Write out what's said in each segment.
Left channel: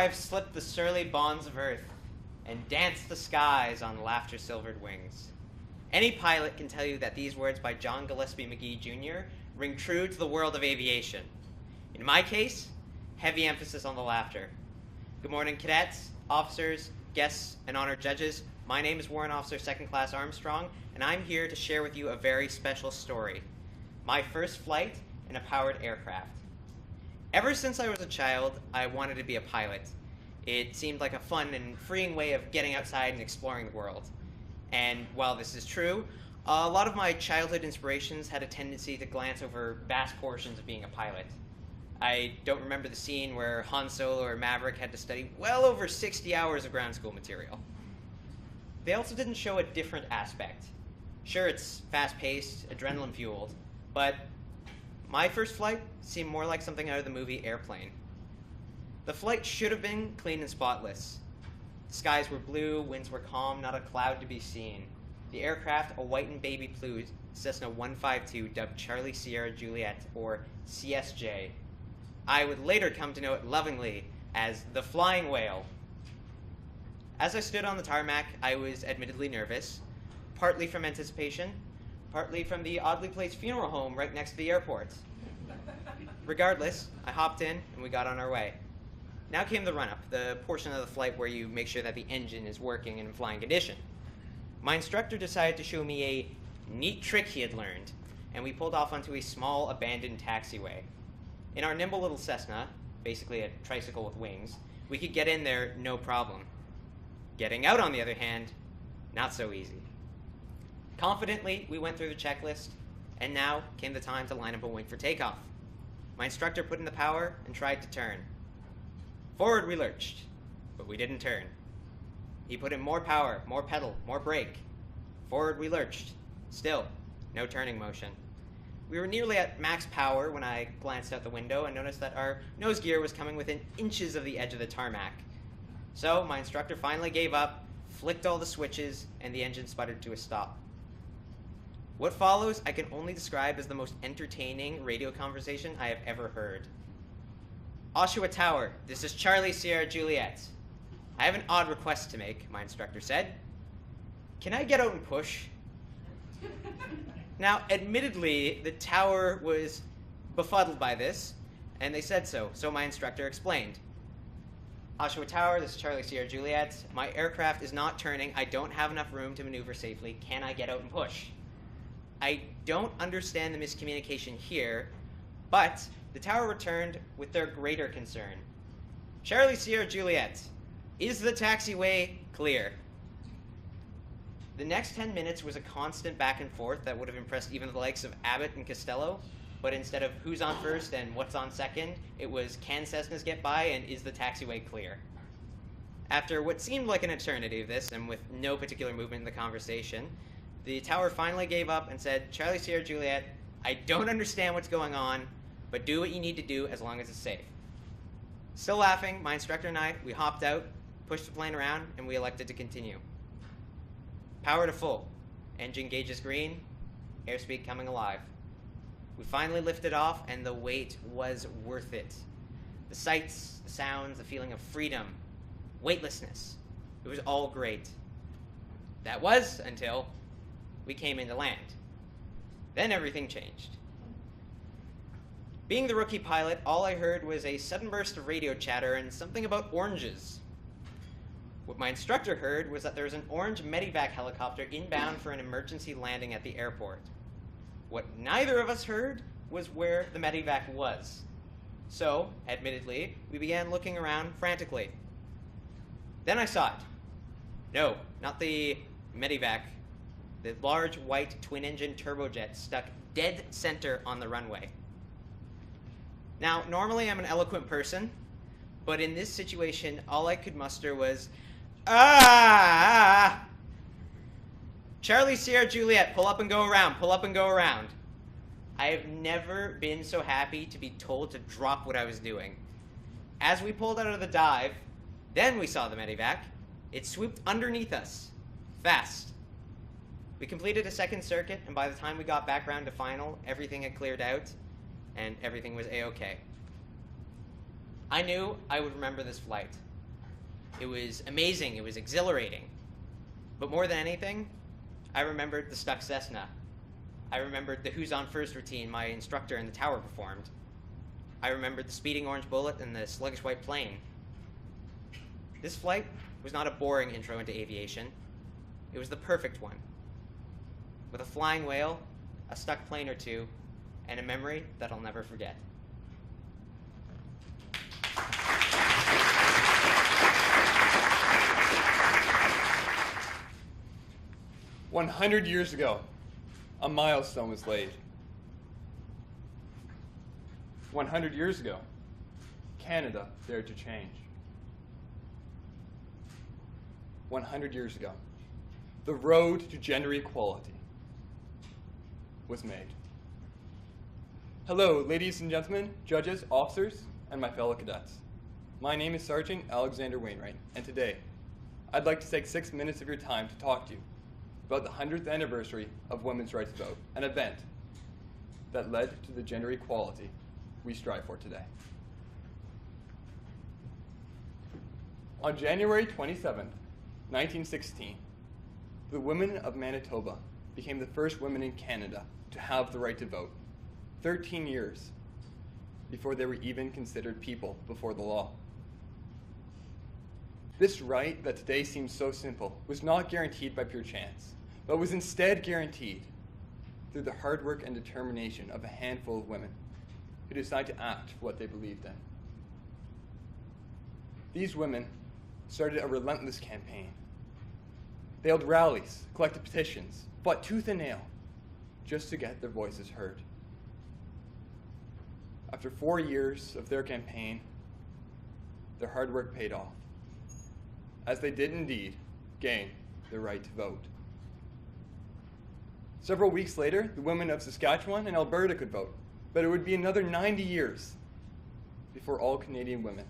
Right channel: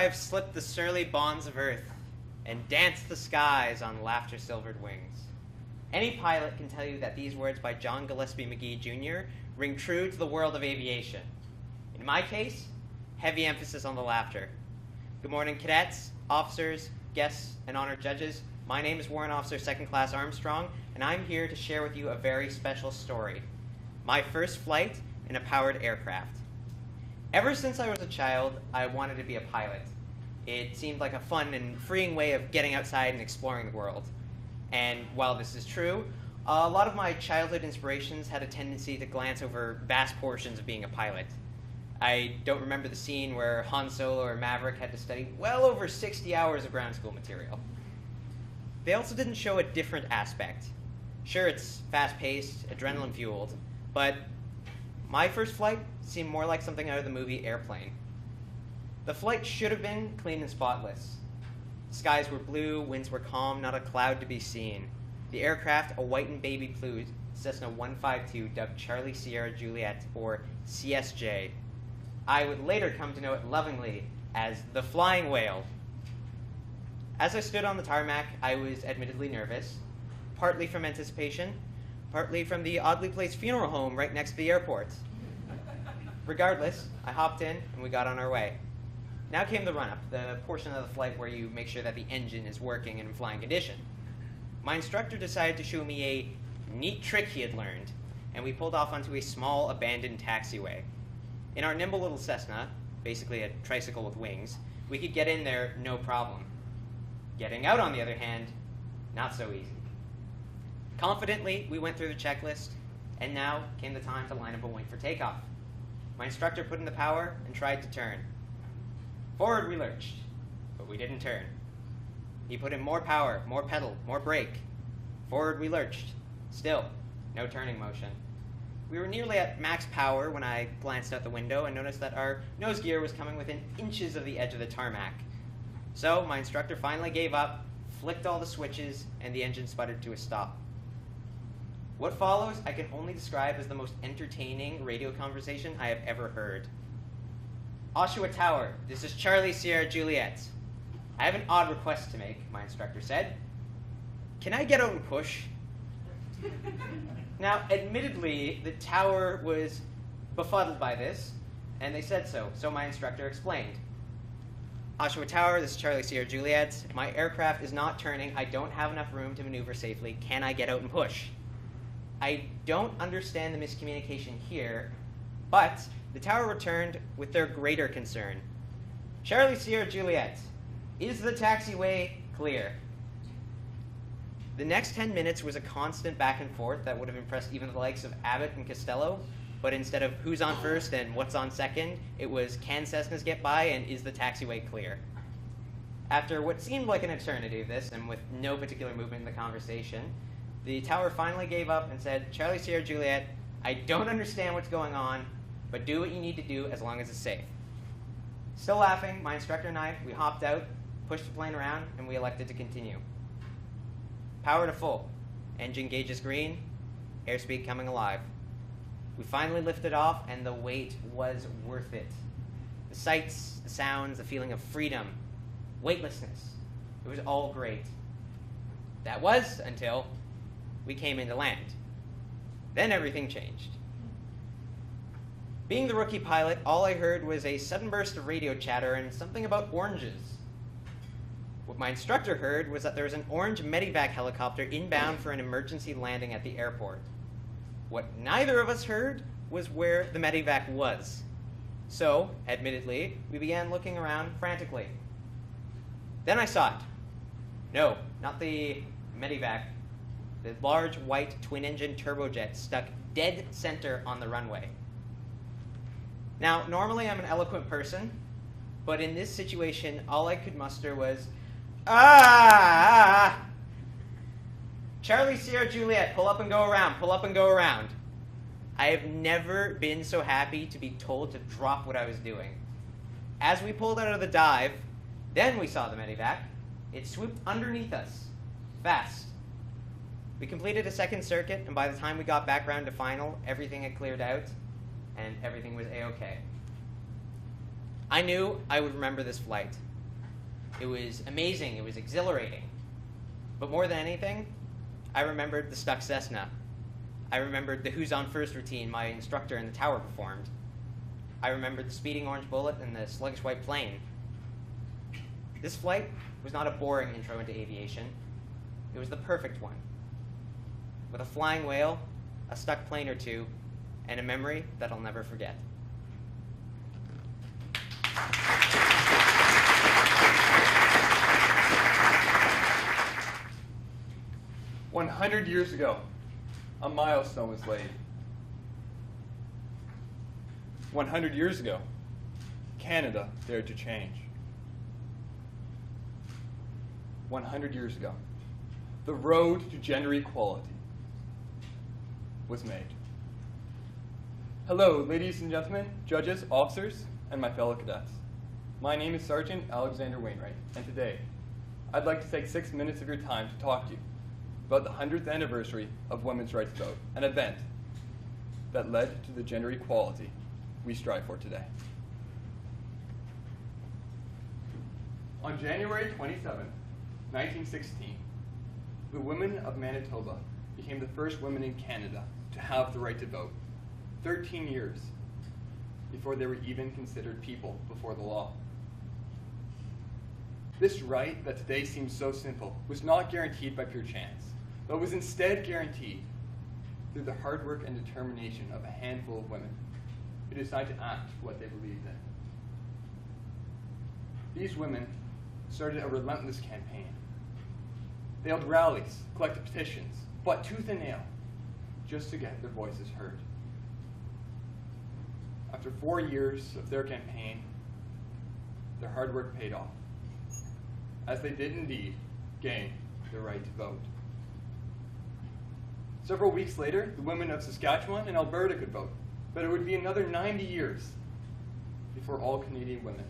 I've slipped the surly bonds of earth and danced the skies on laughter-silvered wings. Any pilot can tell you that these words by John Gillespie McGee Jr. ring true to the world of aviation. In my case, heavy emphasis on the laughter. Good morning, cadets, officers, guests, and honored judges. My name is Warrant Officer 2nd Class Armstrong, and I'm here to share with you a very special story. My first flight in a powered aircraft. Ever since I was a child, I wanted to be a pilot. It seemed like a fun and freeing way of getting outside and exploring the world. And while this is true, a lot of my childhood inspirations had a tendency to glance over vast portions of being a pilot. I don't remember the scene where Han Solo or Maverick had to study well over 60 hours of ground school material. They also didn't show a different aspect. Sure, it's fast-paced, adrenaline-fueled, but my first flight seemed more like something out of the movie Airplane. The flight should have been clean and spotless. The skies were blue, winds were calm, not a cloud to be seen. The aircraft, a white and baby blue Cessna 152 dubbed Charlie Sierra Juliet, or CSJ. I would later come to know it lovingly as the Flying Whale. As I stood on the tarmac, I was admittedly nervous, partly from anticipation, partly from the oddly placed funeral home right next to the airport. Regardless, I hopped in and we got on our way. Now came the run-up, the portion of the flight where you make sure that the engine is working in flying condition. My instructor decided to show me a neat trick he had learned, and we pulled off onto a small abandoned taxiway. In our nimble little Cessna, basically a tricycle with wings, we could get in there no problem. Getting out, on the other hand, not so easy. Confidently, we went through the checklist, and now came the time to line up and wait for takeoff. My instructor put in the power and tried to turn. Forward we lurched, but we didn't turn. He put in more power, more pedal, more brake. Forward we lurched. Still, no turning motion. We were nearly at max power when I glanced out the window and noticed that our nose gear was coming within inches of the edge of the tarmac. So my instructor finally gave up, flicked all the switches, and the engine sputtered to a stop. What follows I can only describe as the most entertaining radio conversation I have ever heard. Oshawa Tower, this is Charlie Sierra Juliet. I have an odd request to make, my instructor said. Can I get out and push? Now, admittedly, the tower was befuddled by this, and they said so, so my instructor explained. Oshawa Tower, this is Charlie Sierra Juliet. My aircraft is not turning. I don't have enough room to maneuver safely. Can I get out and push? I don't understand the miscommunication here, but the tower returned with their greater concern. Charlie Sierra Juliet, is the taxiway clear? The next 10 minutes was a constant back and forth that would have impressed even the likes of Abbott and Costello, but instead of who's on first and what's on second, it was can Cessnas get by and is the taxiway clear? After what seemed like an eternity of this, and with no particular movement in the conversation, the tower finally gave up and said, Charlie Sierra Juliet, I don't understand what's going on, but do what you need to do as long as it's safe. Still laughing, my instructor and I, we hopped out, pushed the plane around, and we elected to continue. Power to full. Engine gauges green, airspeed coming alive. We finally lifted off, and the wait was worth it. The sights, the sounds, the feeling of freedom, weightlessness. It was all great. That was until we came into land. Then everything changed. Being the rookie pilot, all I heard was a sudden burst of radio chatter and something about oranges. What my instructor heard was that there was an orange medevac helicopter inbound for an emergency landing at the airport. What neither of us heard was where the medevac was. So, admittedly, we began looking around frantically. Then I saw it. No, not the medevac. The large white twin-engine turbojet stuck dead center on the runway. Now, normally I'm an eloquent person, but in this situation, all I could muster was, ah! Charlie Sierra Juliet, pull up and go around, pull up and go around. I have never been so happy to be told to drop what I was doing. As we pulled out of the dive, then we saw the medevac. It swooped underneath us, fast. We completed a second circuit, and by the time we got back around to final, everything had cleared out, and everything was A-okay. I knew I would remember this flight. It was amazing. It was exhilarating. But more than anything, I remembered the stuck Cessna. I remembered the Who's on First routine my instructor in the tower performed. I remembered the speeding orange bullet and the sluggish white plane. This flight was not a boring intro into aviation. It was the perfect one. With a flying whale, a stuck plane or two, and a memory that I'll never forget. 100 years ago, a milestone was laid. 100 years ago, Canada dared to change. 100 years ago, the road to gender equality was made. Hello, ladies and gentlemen, judges, officers, and my fellow cadets. My name is Sergeant Alexander Wainwright, and today, I'd like to take 6 minutes of your time to talk to you about the 100th anniversary of women's right to vote, an event that led to the gender equality we strive for today. On January 27, 1916, the women of Manitoba became the first women in Canada to have the right to vote, 13 years before they were even considered people before the law. This right that today seems so simple was not guaranteed by pure chance, but was instead guaranteed through the hard work and determination of a handful of women who decided to act for what they believed in. These women started a relentless campaign. They held rallies, collected petitions, fought tooth and nail just to get their voices heard. After 4 years of their campaign, their hard work paid off, as they did indeed gain the right to vote. Several weeks later, the women of Saskatchewan and Alberta could vote, but it would be another 90 years before all Canadian women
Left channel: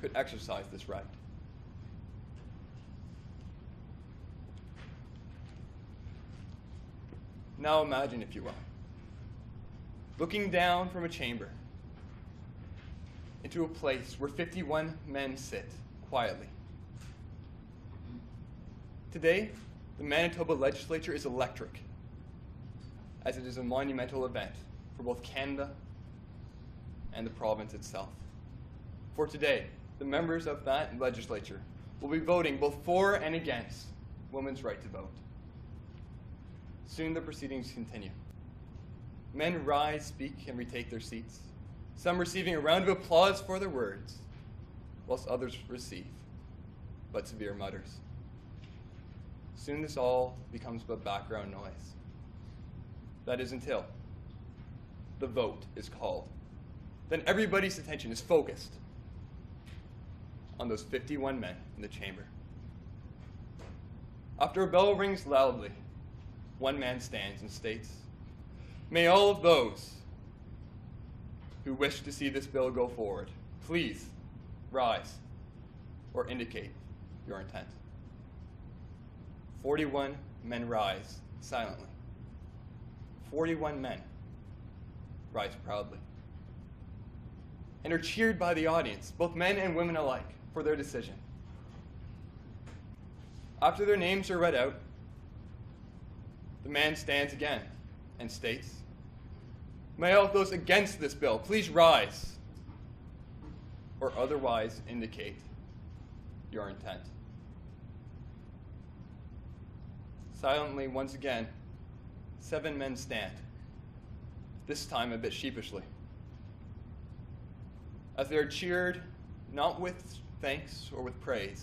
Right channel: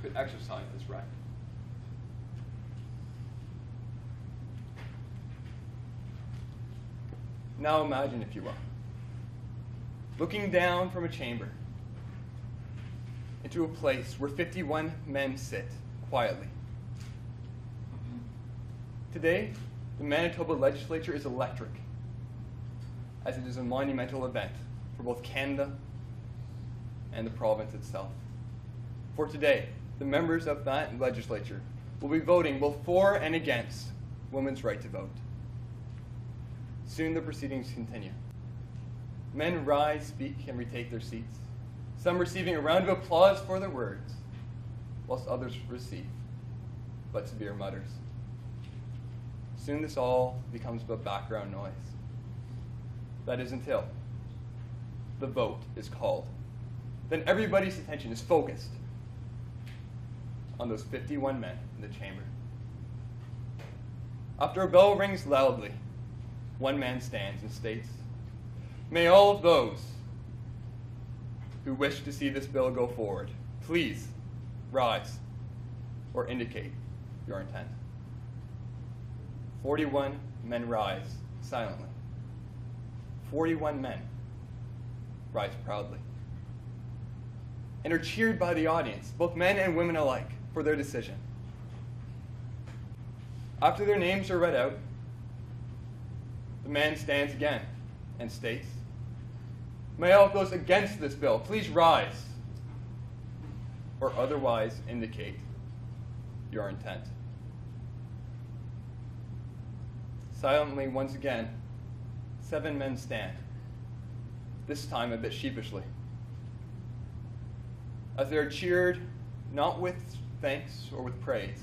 could exercise this right. Now imagine, if you will, looking down from a chamber into a place where 51 men sit quietly. Today, the Manitoba legislature is electric, as it is a monumental event for both Canada and the province itself. For today, the members of that legislature will be voting both for and against women's right to vote. Soon the proceedings continue. Men rise, speak, and retake their seats, some receiving a round of applause for their words, whilst others receive but severe mutters. Soon this all becomes but background noise. That is until the vote is called. Then everybody's attention is focused on those 51 men in the chamber. After a bell rings loudly, one man stands and states, "May all of those who wish to see this bill go forward, please rise or indicate your intent." 41 men rise silently. 41 men rise proudly and are cheered by the audience, both men and women alike, for their decision. After their names are read out, the man stands again and states, "May all those against this bill please rise or otherwise indicate your intent." Silently, once again, 7 men stand, this time a bit sheepishly, as they are cheered not with thanks or with praise,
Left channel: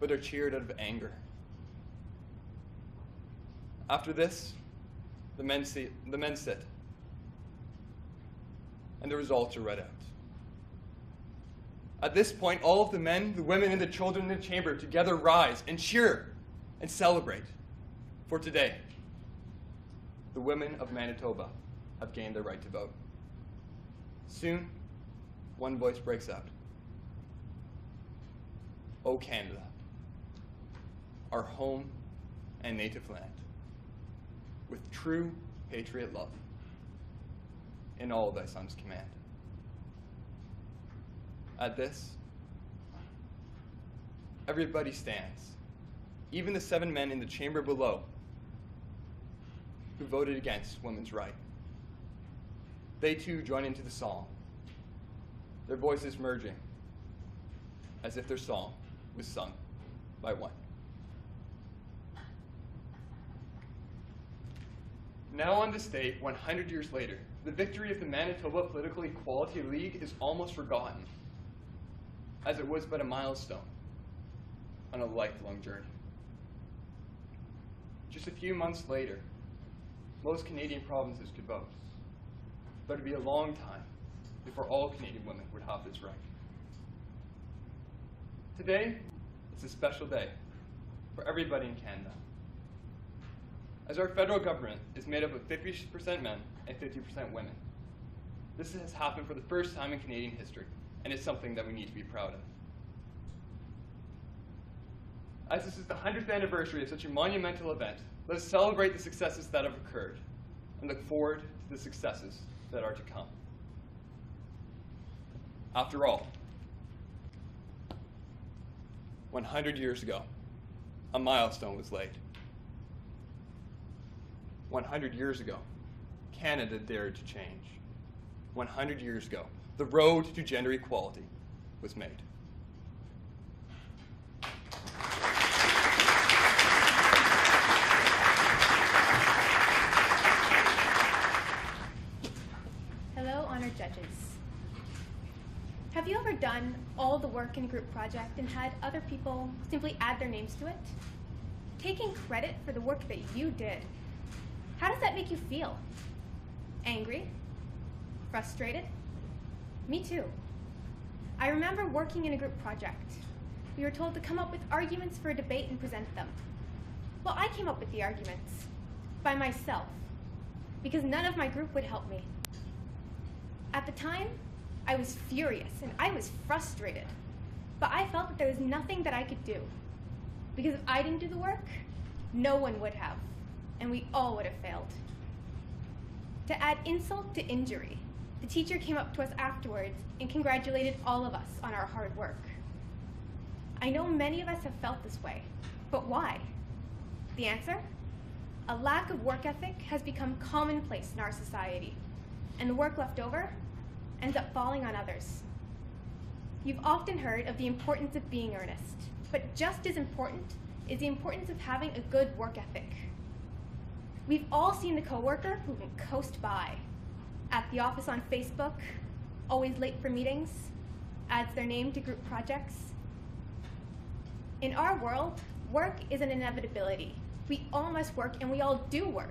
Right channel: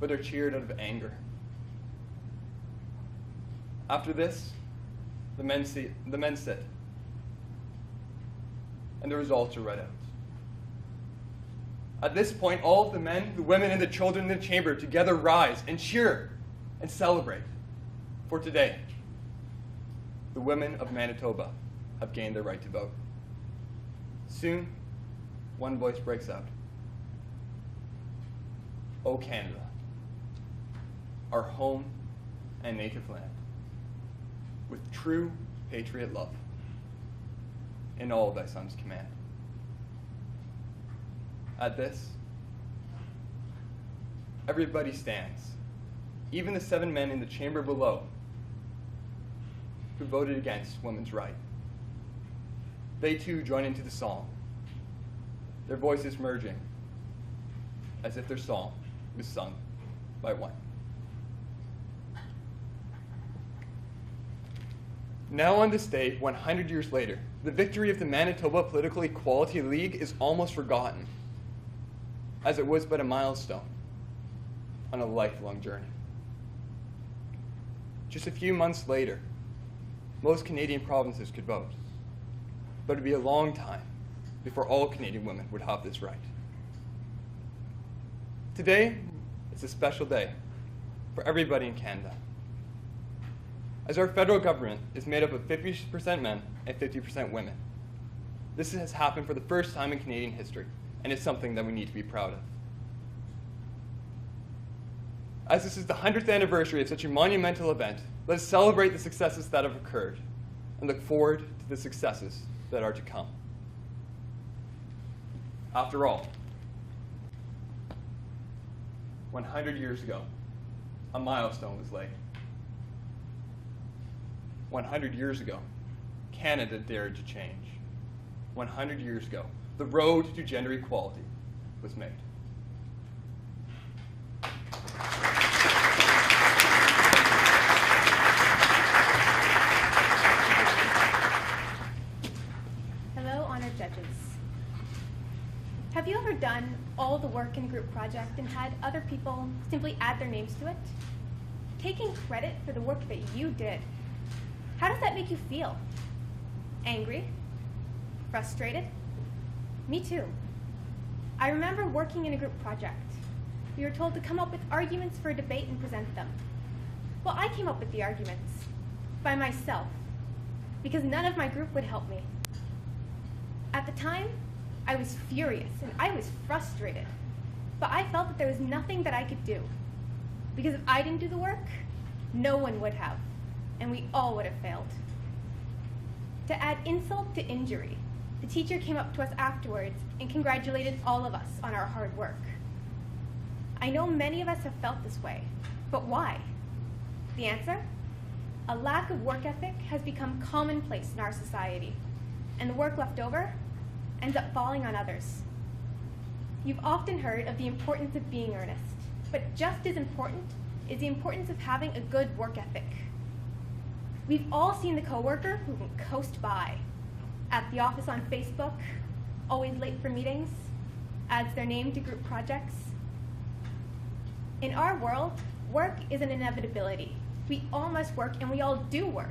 but are cheered out of anger. After this, the men sit, and the results are read out. At this point, all of the men, the women, and the children in the chamber together rise and cheer and celebrate. For today, the women of Manitoba have gained their right to vote. Soon, one voice breaks out. "O Canada, our home and native land, with true patriot love, in all thy sons' command." At this, everybody stands, even the 7 men in the chamber below who voted against women's right. They too join into the song, their voices merging, as if their song was sung by one. Now on this day, 100 years later, the victory of the Manitoba Political Equality League is almost forgotten, as it was but a milestone on a lifelong journey. Just a few months later, most Canadian provinces could vote, but it would be a long time before all Canadian women would have this right. Today, it's a special day for everybody in Canada, as our federal government is made up of 50% men and 50% women. This has happened for the first time in Canadian history, and it's something that we need to be proud of. As this is the 100th anniversary of such a monumental event, let us celebrate the successes that have occurred and look forward to the successes that are to come. After all, 100 years ago, a milestone was laid. 100 years ago, Canada dared to change. 100 years ago, the road to gender equality was made. Hello, honored judges. Have you ever done all the work in a group project and had other people simply add their names to it? Taking credit for the work that you did. How does that make you feel? Angry? Frustrated? Me too. I remember working in a group project. We were told to come up with arguments for a debate and present them. Well, I came up with the arguments by myself because none of my group would help me. At the time, I was furious and I was frustrated, but I felt that there was nothing that I could do because if I didn't do the work, no one would have, and we all would have failed. To add insult to injury, the teacher came up to us afterwards and congratulated all of us on our hard work. I know many of us have felt this way, but why? The answer? A lack of work ethic has become commonplace in our society, and the work left over ends up falling on others. You've often heard of the importance of being earnest, but just as important is the importance of having a good work ethic. We've all seen the coworker who can coast by, at the office on Facebook, always late for meetings, adds their name to group projects. In our world, work is an inevitability. We all must work and we all do work,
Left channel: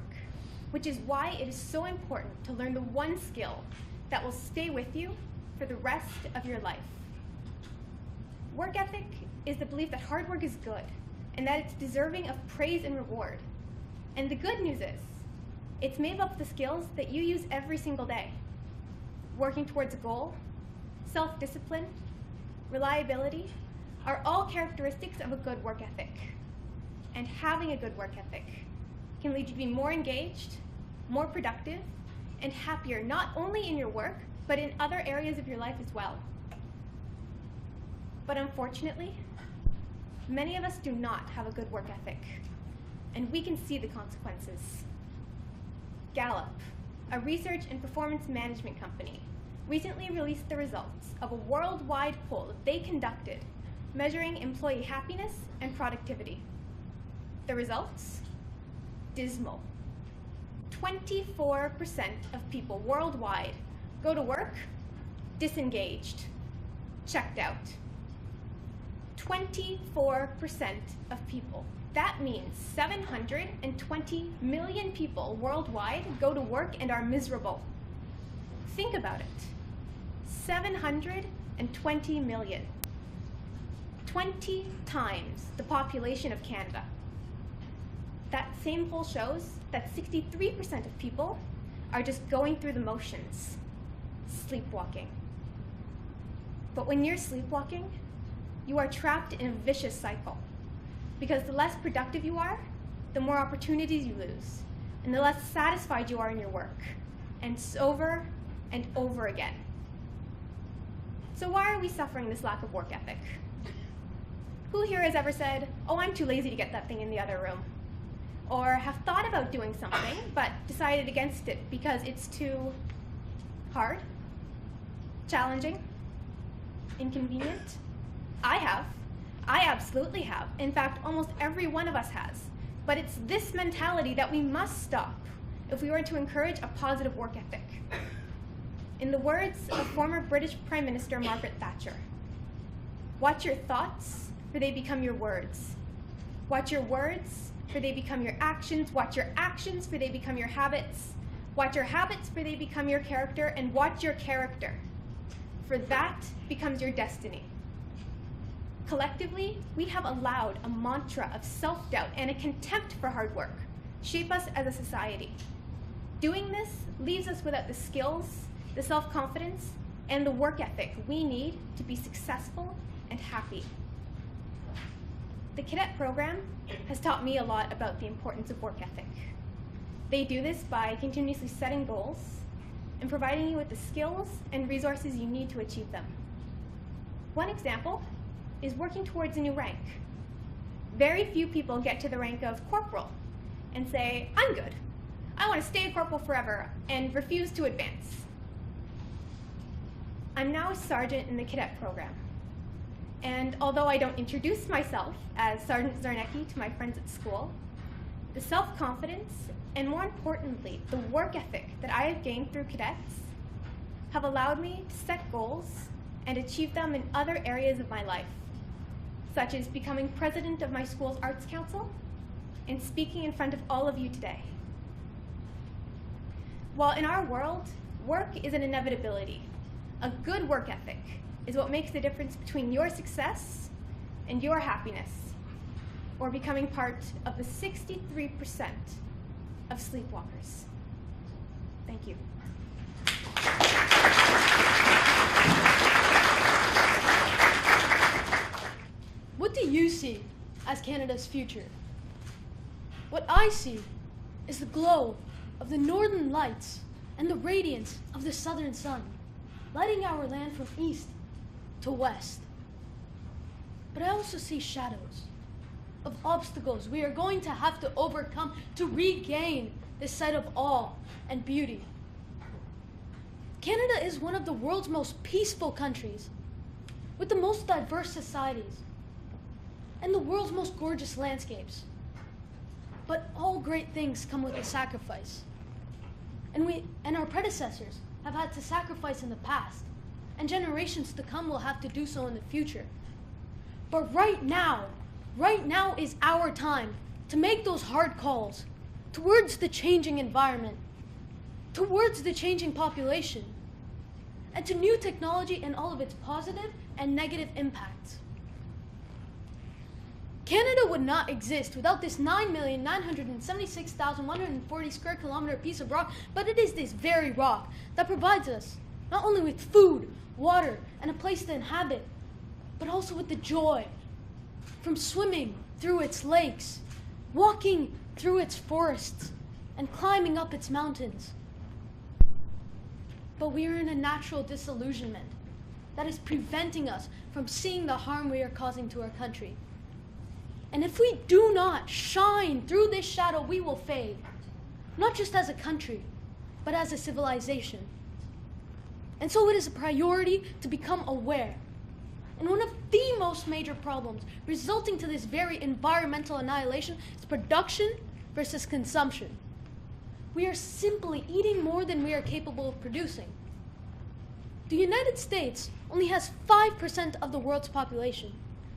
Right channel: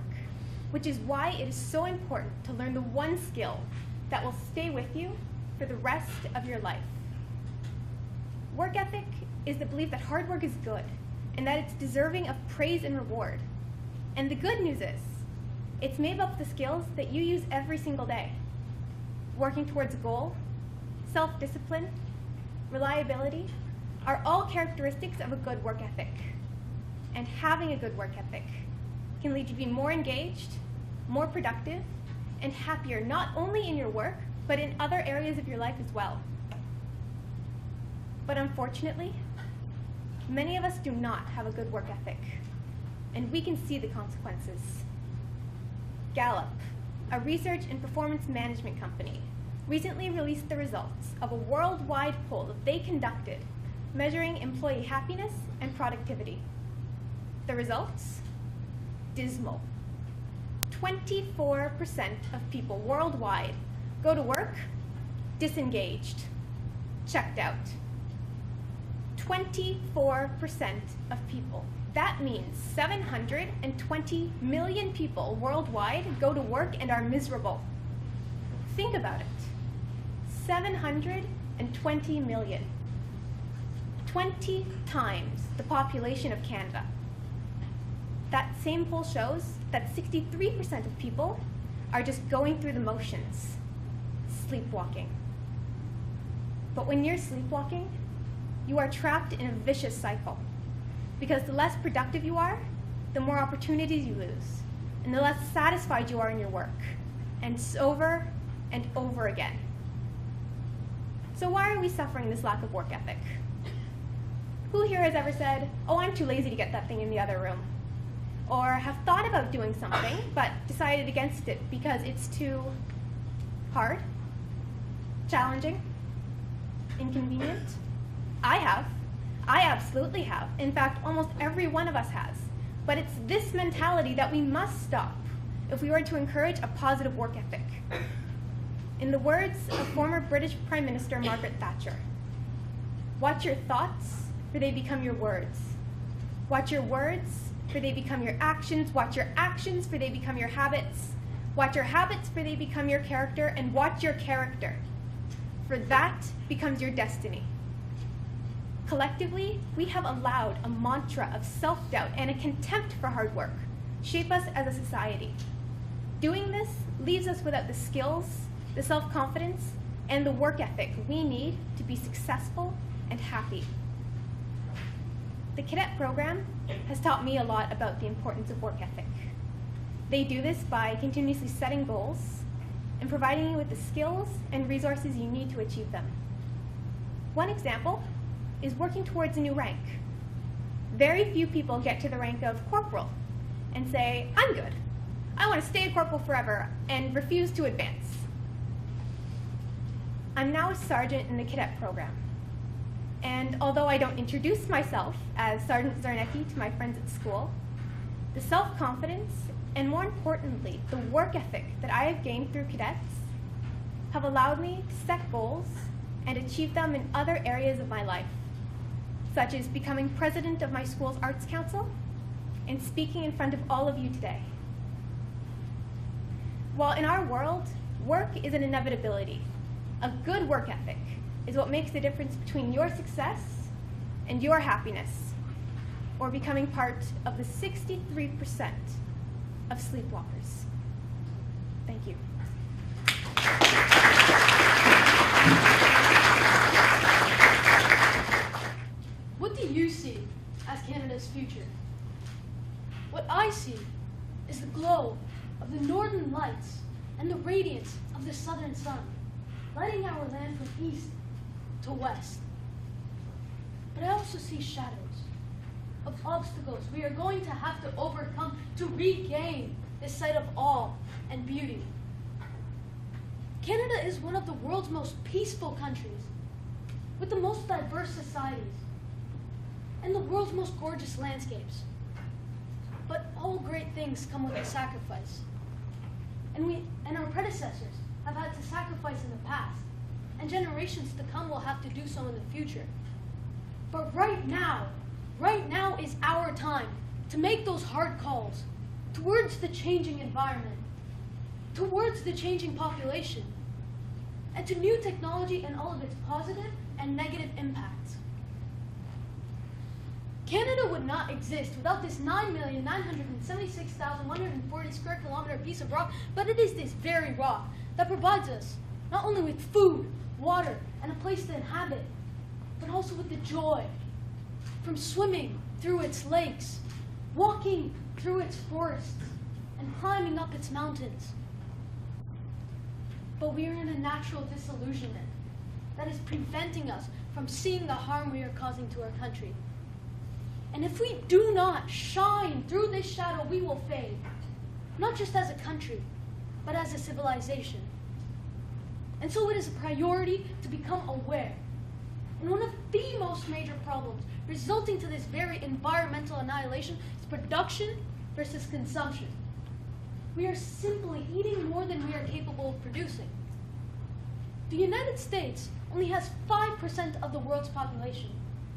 which is why it is so important to learn the one skill that will stay with you for the rest of your life. Work ethic is the belief that hard work is good and that it's deserving of praise and reward. And the good news is, it's made up of the skills that you use every single day. Working towards a goal, self-discipline, reliability are all characteristics of a good work ethic. And having a good work ethic can lead you to be more engaged, more productive, and happier not only in your work, but in other areas of your life as well. But unfortunately, many of us do not have a good work ethic, and we can see the consequences. Gallup, a research and performance management company, recently released the results of a worldwide poll that they conducted measuring employee happiness and productivity. The results? Dismal. 24% of people worldwide go to work disengaged, checked out. 24% of people. That means 720 million people worldwide go to work and are miserable. Think about it. 720 million. 20 times the population of Canada. That same poll shows that 63% of people are just going through the motions, sleepwalking. But when you're sleepwalking, you are trapped in a vicious cycle. Because the less productive you are, the more opportunities you lose, and the less satisfied you are in your work. And it's over and over again. So why are we suffering this lack of work ethic? Who here has ever said, "Oh, I'm too lazy to get that thing in the other room"? Or have thought about doing something, but decided against it because it's too hard, challenging, inconvenient? I have. I absolutely have. In fact, almost every one of us has. But it's this mentality that we must stop if we are to encourage a positive work ethic. In the words of former British Prime Minister Margaret Thatcher, "Watch your thoughts, for they become your words. Watch your words, for they become your actions. Watch your actions, for they become your habits. Watch your habits, for they become your character. And watch your character, for that becomes your destiny." Collectively, we have allowed a mantra of self-doubt and a contempt for hard work shape us as a society. Doing this leaves us without the skills, the self-confidence, and the work ethic we need to be successful and happy. The cadet program has taught me a lot about the importance of work ethic. They do this by continuously setting goals and providing you with the skills and resources you need to achieve them. One example is working towards a new rank. Very few people get to the rank of corporal and say, "I'm good. I want to stay a corporal forever," and refuse to advance. I'm now a sergeant in the cadet program. And although I don't introduce myself as Sergeant Zarnecki to my friends at school, the self-confidence and, more importantly, the work ethic that I have gained through cadets have allowed me to set goals and achieve them in other areas of my life, such as becoming president of my school's Arts Council and speaking in front of all of you today. While in our world, work is an inevitability, a good work ethic is what makes the difference between your success and your happiness, or becoming part of the 63% of sleepwalkers. Thank you. What do you see as Canada's future? What I see is the glow of the northern lights and the radiance of the southern sun, lighting our land from east to west. But I also see shadows of obstacles we are going to have to overcome to regain this sight of awe and beauty. Canada is one of the world's most peaceful countries, with the most diverse societies, and the world's most gorgeous landscapes. But all great things come with a sacrifice. And our predecessors have had to sacrifice in the past, and generations to come will have to do so in the future. But right now is our time to make those hard calls towards the changing environment, towards the changing population, and to new technology and all of its positive and negative impacts. Canada would not exist without this 9,976,140 square kilometer piece of rock, but it is this very rock that provides us not only with food, water, and a place to inhabit, but also with the joy from swimming through its lakes, walking through its forests, and climbing up its mountains. But we are in a natural disillusionment that is preventing us from seeing the harm we are causing to our country. And if we do not shine through this shadow, we will fade, not just as a country, but as a civilization. And so it is a priority to become aware. And one of the most major problems resulting to this very environmental annihilation is production versus consumption. We are simply eating more than we are capable of producing. The United States only has 5% of the world's population,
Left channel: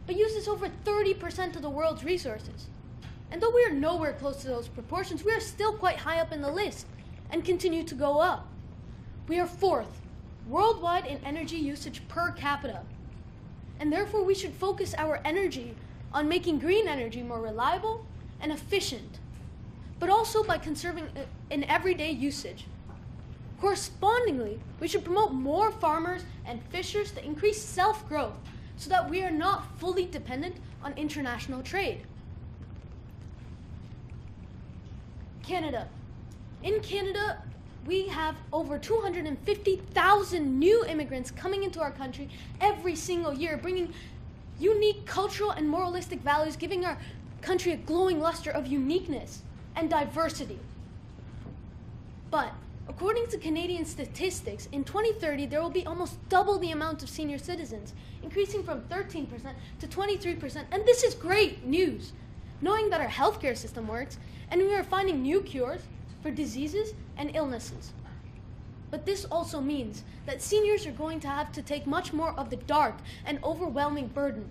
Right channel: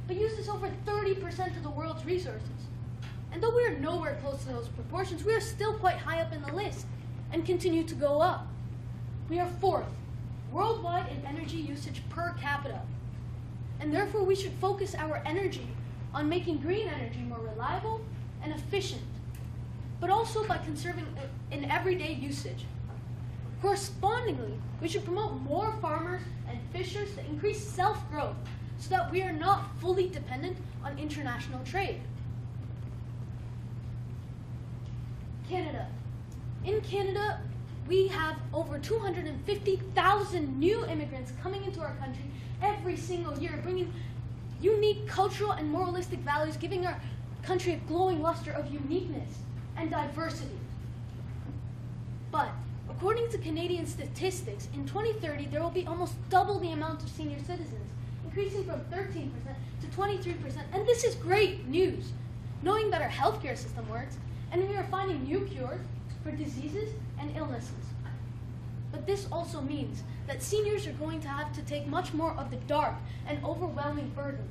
but uses over 30% of the world's resources. And though we are nowhere close to those proportions, we are still quite high up in the list and continue to go up. We are fourth worldwide in energy usage per capita. And therefore we should focus our energy on making green energy more reliable and efficient, but also by conserving it in everyday usage. Correspondingly, we should promote more farmers and fishers to increase self-growth so that we are not fully dependent on international trade. Canada. In Canada, we have over 250,000 new immigrants coming into our country every single year, bringing unique cultural and moralistic values, giving our country a glowing luster of uniqueness and diversity. But according to Canadian statistics, in 2030 there will be almost double the amount of senior citizens, increasing from 13% to 23%. And this is great news, knowing that our healthcare system works and we are finding new cures for diseases and illnesses. But this also means that seniors are going to have to take much more of the dark and overwhelming burden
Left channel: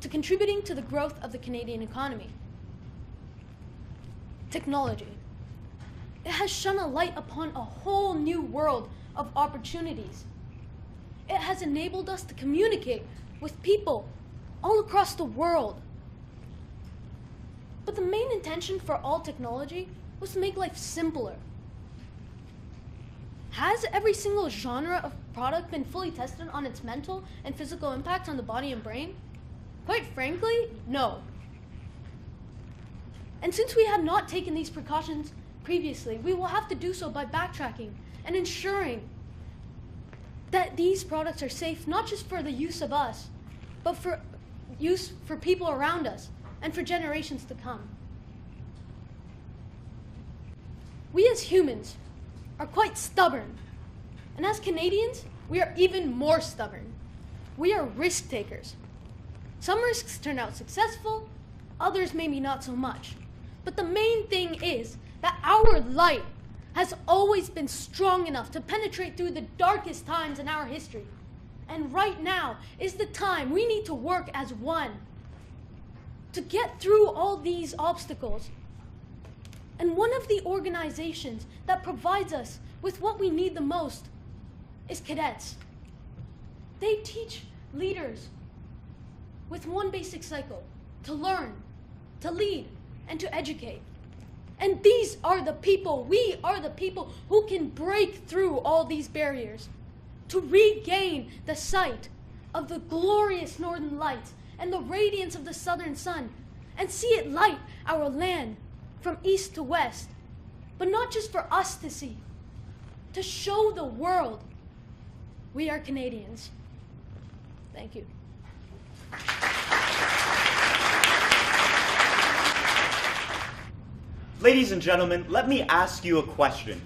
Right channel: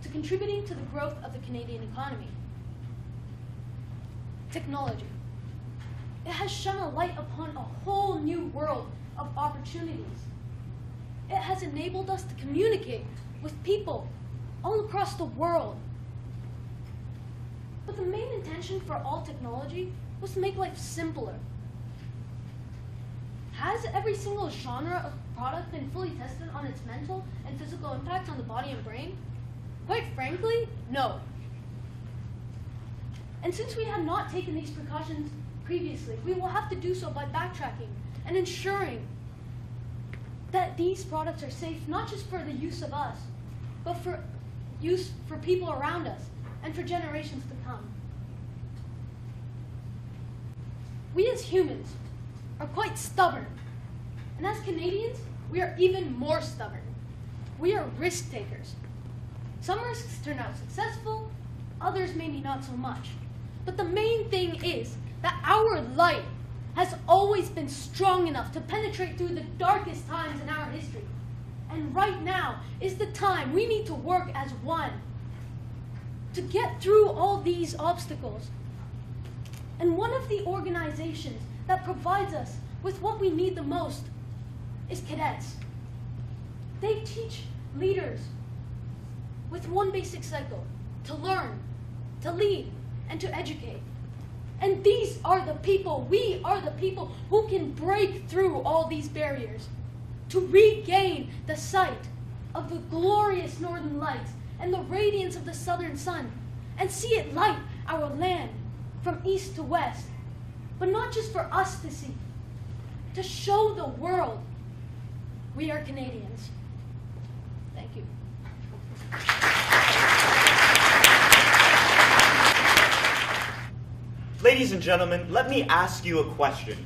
to contributing to the growth of the Canadian economy. Technology. It has shone a light upon a whole new world of opportunities. It has enabled us to communicate with people all across the world. But the main intention for all technology was to make life simpler. Has every single genre of product been fully tested on its mental and physical impact on the body and brain? Quite frankly, no. And since we have not taken these precautions previously, we will have to do so by backtracking and ensuring that these products are safe not just for the use of us, but for use for people around us and for generations to come. We as humans are quite stubborn, and as Canadians, we are even more stubborn. We are risk takers. Some risks turn out successful, others maybe not so much. But the main thing is that our light has always been strong enough to penetrate through the darkest times in our history. And right now is the time we need to work as one to get through all these obstacles. And one of the organizations that provides us with what we need the most is cadets. They teach leaders with one basic cycle: to learn, to lead, and to educate. And these are the people, we are the people who can break through all these barriers to regain the sight of the glorious northern lights and the radiance of the southern sun, and see it light our land from east to west. But not just for us to see, to show the world we are Canadians. Thank you. Ladies and gentlemen, let me ask you a question.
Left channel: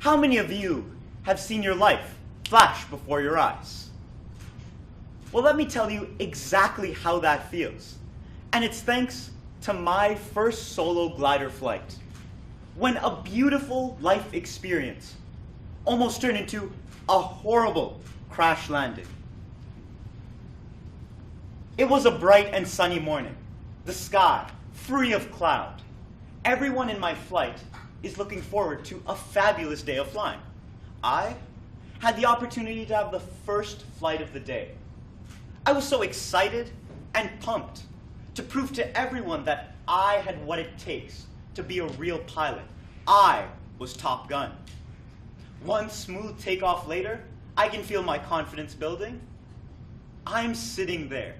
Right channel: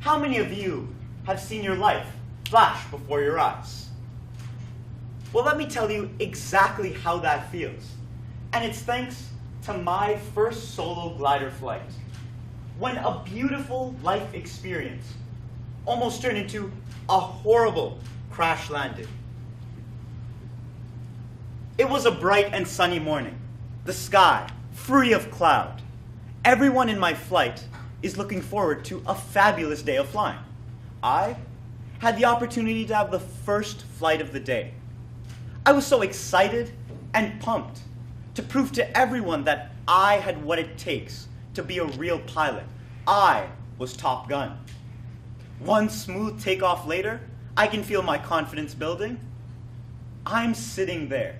How many of you have seen your life flash before your eyes? Well, let me tell you exactly how that feels. And it's thanks to my first solo glider flight, when a beautiful life experience almost turned into a horrible crash landing. It was a bright and sunny morning, the sky free of cloud. Everyone in my flight is looking forward to a fabulous day of flying. I had the opportunity to have the first flight of the day. I was so excited and pumped to prove to everyone that I had what it takes to be a real pilot. I was Top Gun. One smooth takeoff later, I can feel my confidence building. I'm sitting there,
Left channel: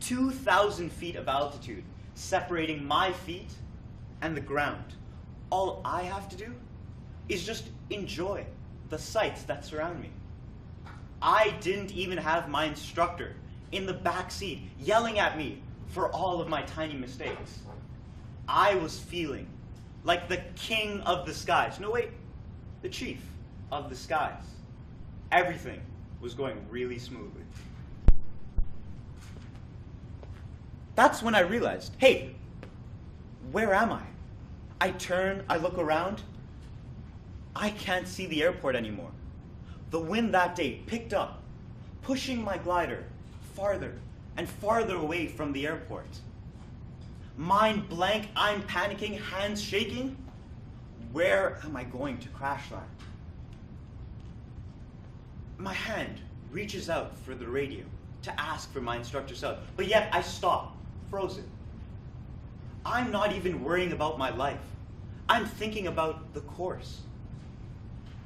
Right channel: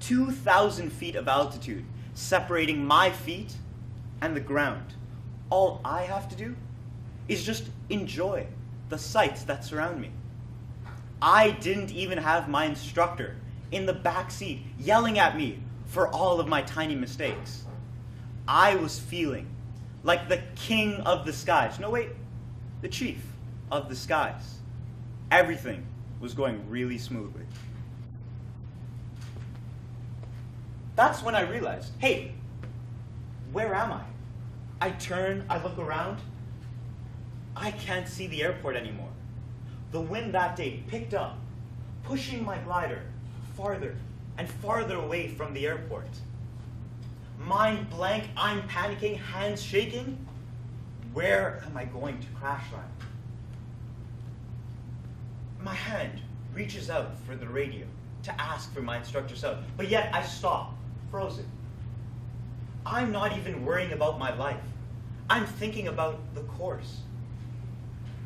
2,000 feet of altitude separating my feet and the ground. All I have to do is just enjoy the sights that surround me. I didn't even have my instructor in the back seat yelling at me for all of my tiny mistakes. I was feeling like the king of the skies. No, wait, the chief of the skies. Everything was going really smoothly. That's when I realized, hey, where am I? I turn, I look around. I can't see the airport anymore. The wind that day picked up, pushing my glider farther and farther away from the airport. Mind blank, I'm panicking, hands shaking. Where am I going to crash land? My hand reaches out for the radio to ask for my instructor's help, but yet I stop, frozen. I'm not even worrying about my life. I'm thinking about the course.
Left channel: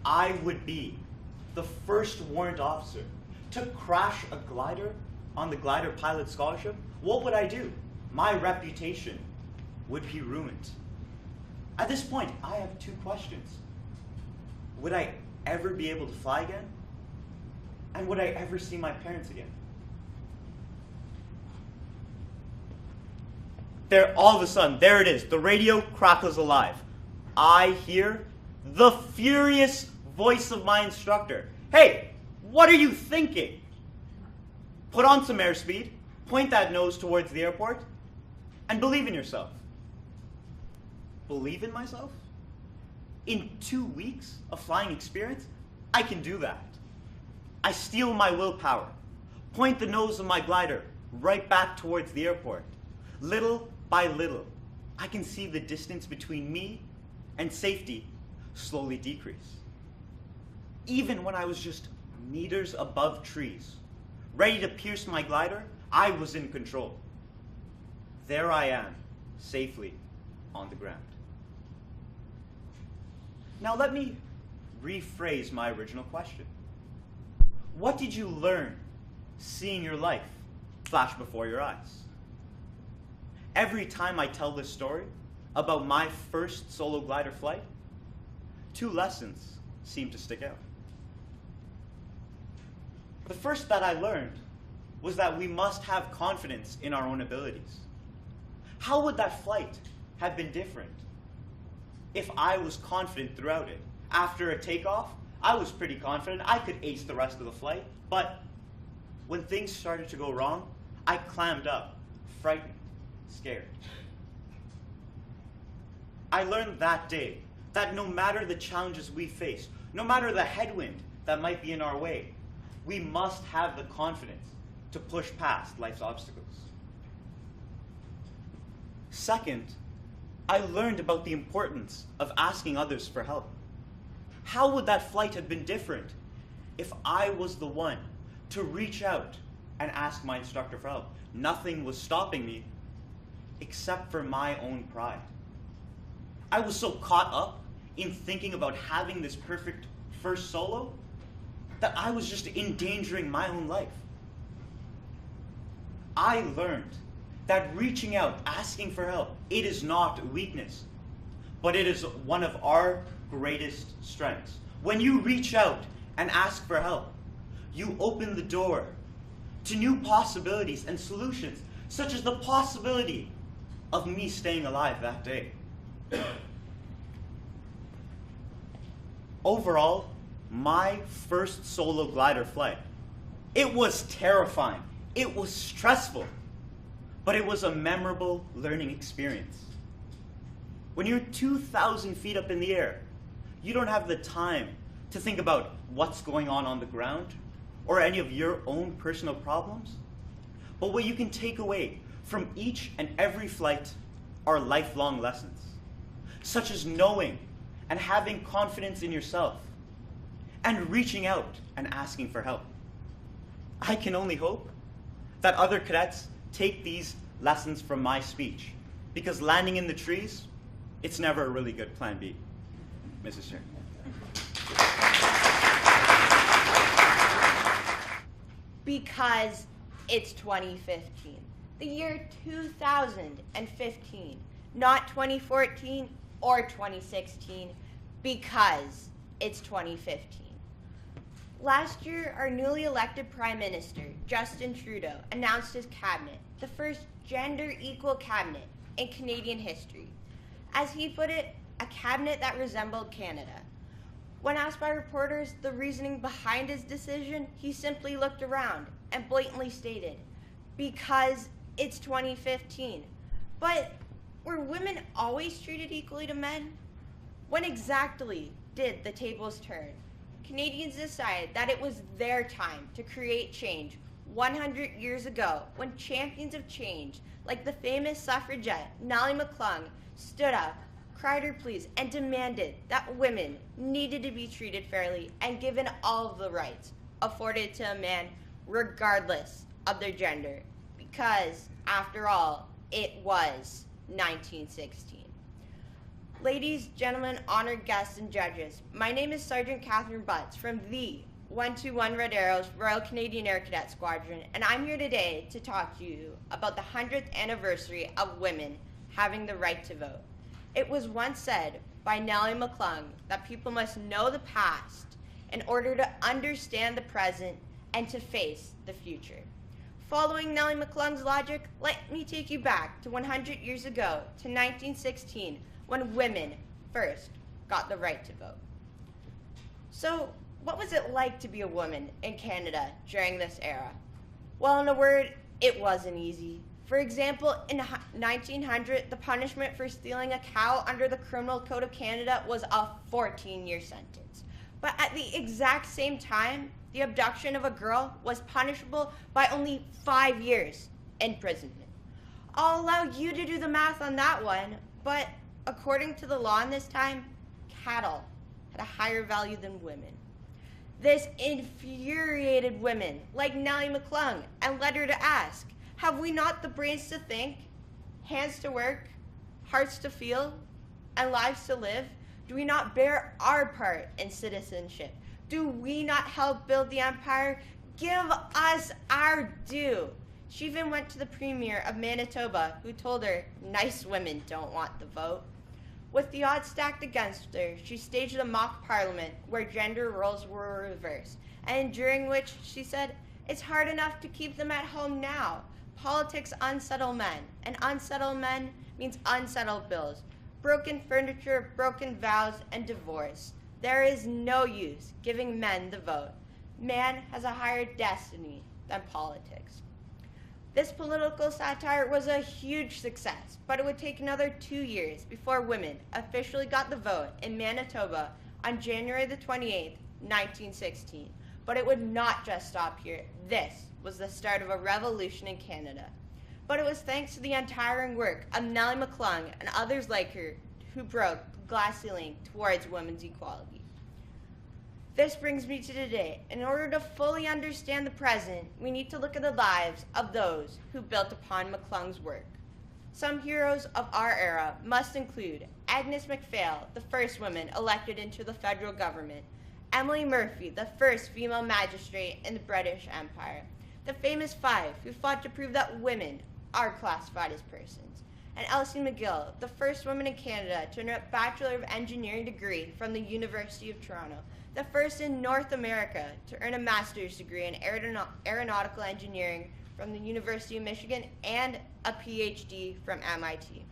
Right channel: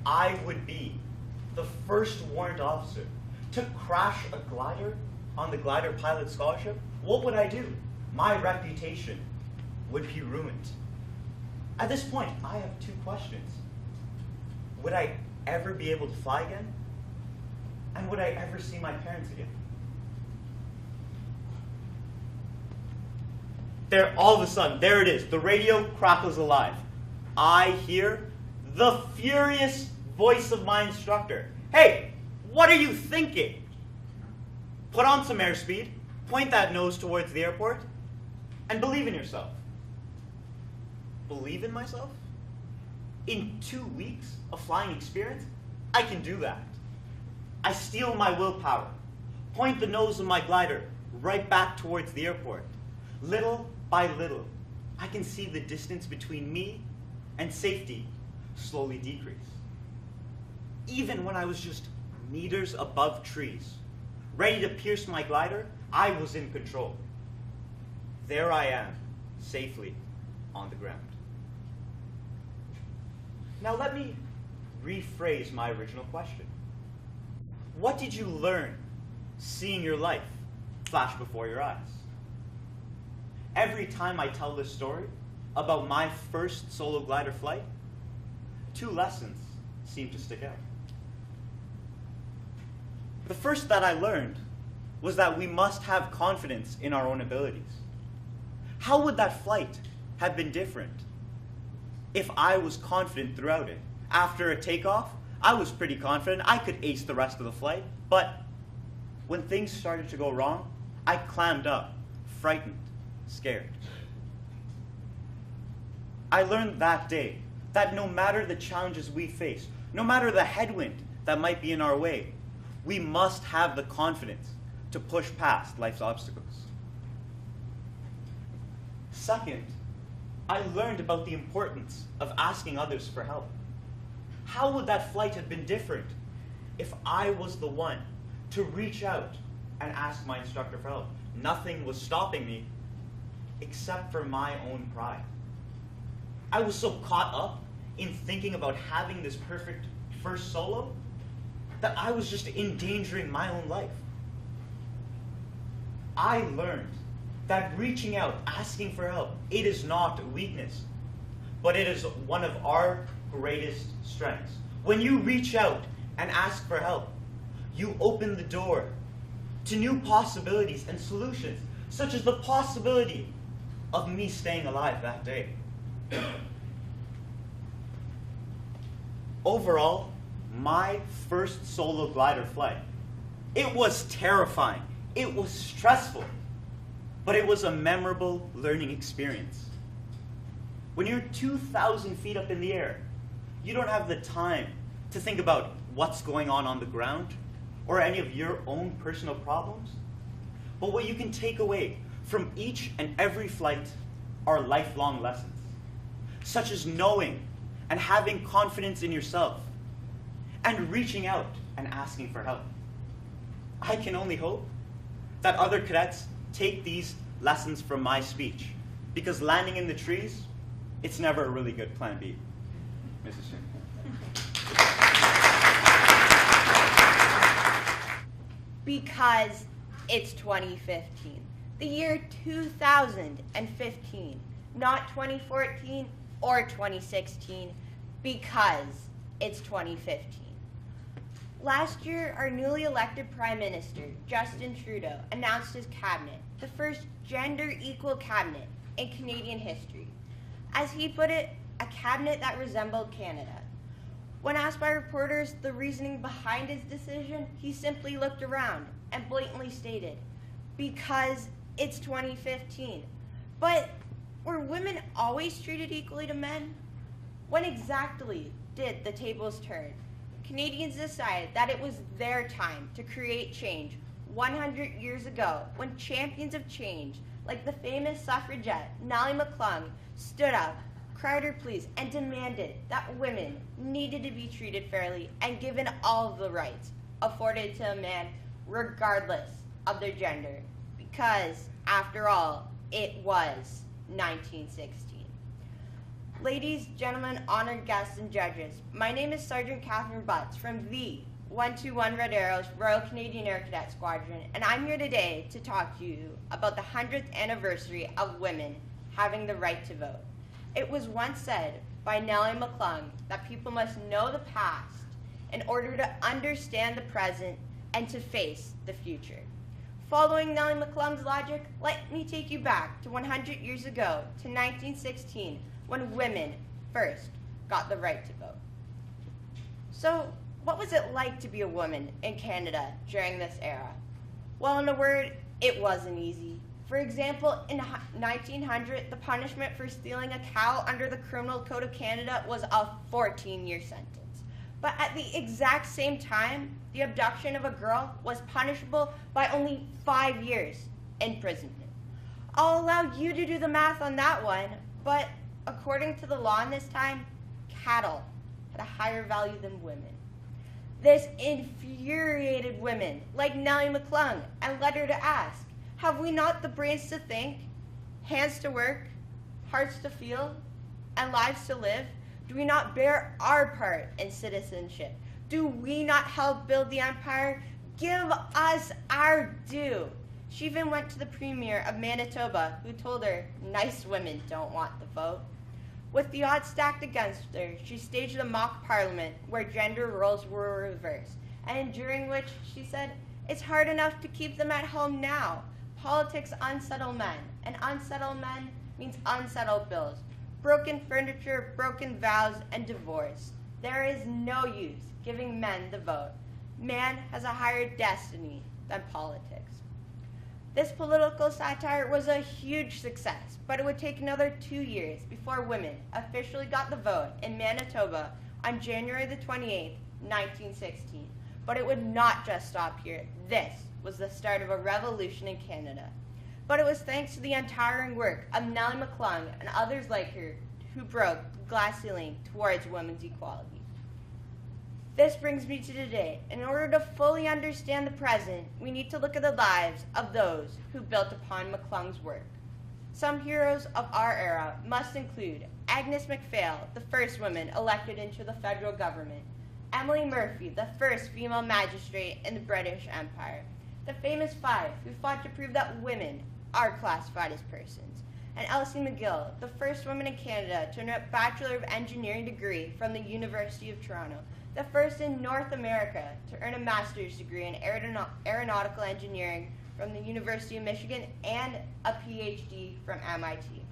I would be the first warrant officer to crash a glider on the glider pilot scholarship. What would I do? My reputation would be ruined. At this point, I have two questions. Would I ever be able to fly again? And would I ever see my parents again? There, all of a sudden, there it is. The radio crackles alive. I hear the furious voice of my instructor. Hey, what are you thinking? Put on some airspeed, point that nose towards the airport, and believe in yourself. Believe in myself? In 2 weeks of flying experience, I can do that. I steel my willpower, point the nose of my glider right back towards the airport. Little by little, I can see the distance between me and safety slowly decrease. Even when I was just meters above trees, ready to pierce my glider, I was in control. There I am, safely on the ground. Now let me rephrase my original question. What did you learn seeing your life flash before your eyes? Every time I tell this story about my first solo glider flight, 2 lessons seem to stick out. The first that I learned was that we must have confidence in our own abilities. How would that flight have been different if I was confident throughout it? After a takeoff, I was pretty confident I could ace the rest of the flight, but when things started to go wrong, I clammed up, frightened, scared. I learned that day that no matter the challenges we face, no matter the headwind that might be in our way, we must have the confidence to push past life's obstacles. Second, I learned about the importance of asking others for help. How would that flight have been different if I was the one to reach out and ask my instructor for help? Nothing was stopping me except for my own pride. I was so caught up in thinking about having this perfect first solo that I was just endangering my own life. I learned that reaching out, asking for help, it is not weakness, but it is one of our greatest strengths. When you reach out and ask for help, you open the door to new possibilities and solutions, such as the possibility of me staying alive that day. Overall, my first solo glider flight, it was terrifying, it was stressful, but it was a memorable learning experience. When you're 2,000 feet up in the air, you don't have the time to think about what's going on the ground or any of your own personal problems. But what you can take away from each and every flight are lifelong lessons, such as knowing and having confidence in yourself and reaching out and asking for help. I can only hope that other cadets take these lessons from my speech, because landing in the trees, it's never a really good plan B. Mrs. Chair. Because it's 2015. The year 2015, not 2014 or 2016, because it's 2015. Last year, our newly elected Prime Minister, Justin Trudeau, announced his cabinet, the first gender-equal cabinet in Canadian history. As he put it, a cabinet that resembled Canada. When asked by reporters the reasoning behind his decision, he simply looked around and blatantly stated, because it's 2015. But were women always treated equally to men? When exactly did the tables turn? Canadians decided that it was their time to create change 100 years ago, when champions of change, like the famous suffragette Nellie McClung, stood up, cried her pleas, and demanded that women needed to be treated fairly and given all of the rights afforded to a man regardless of their gender, because, after all, it was 1916. Ladies, gentlemen, honored guests, and judges, my name is Sergeant Catherine Butts from the 121 Red Arrows Royal Canadian Air Cadet Squadron, and I'm here today to talk to you about the 100th anniversary of women having the right to vote. It was once said by Nellie McClung that people must know the past in order to understand the present and to face the future. Following Nellie McClung's logic, let me take you back to 100 years ago, to 1916, when women first got the right to vote. So, what was it like to be a woman in Canada during this era? Well, in a word, it wasn't easy. For example, in 1900, the punishment for stealing a cow under the Criminal Code of Canada was a 14-year sentence. But at the exact same time, the abduction of a girl was punishable by only 5 years imprisonment. I'll allow you to do the math on that one, but according to the law in this time, cattle had a higher value than women. This infuriated women like Nellie McClung and led her to ask, have we not the brains to think, hands to work, hearts to feel, and lives to live? Do we not bear our part in citizenship? Do we not help build the empire? Give us our due. She even went to the premier of Manitoba, who told her nice women don't want the vote. With the odds stacked against her, she staged a mock parliament where gender roles were reversed, and during which she said, it's hard enough to keep them at home now. Politics unsettle men, and unsettled men means unsettled bills, broken furniture, broken vows, and divorce. There is no use giving men the vote. Man has a higher destiny than politics. This political satire was a huge success, but it would take another 2 years before women officially got the vote in Manitoba on January the 28th, 1916. But it would not just stop here. This was the start of a revolution in Canada. But it was thanks to the untiring work of Nellie McClung and others like her who broke the glass ceiling towards women's equality. This brings me to today. In order to fully understand the present, we need to look at the lives of those who built upon McClung's work. Some heroes of our era must include Agnes MacPhail, the first woman elected into the federal government, Emily Murphy, the first female magistrate in the British Empire, the famous five who fought to prove that women are classified as persons, and Elsie McGill, the first woman in Canada to earn a Bachelor of Engineering degree from the University of Toronto, the first in North America to earn a master's degree in aeronautical engineering from the University of Michigan, and a PhD from MIT.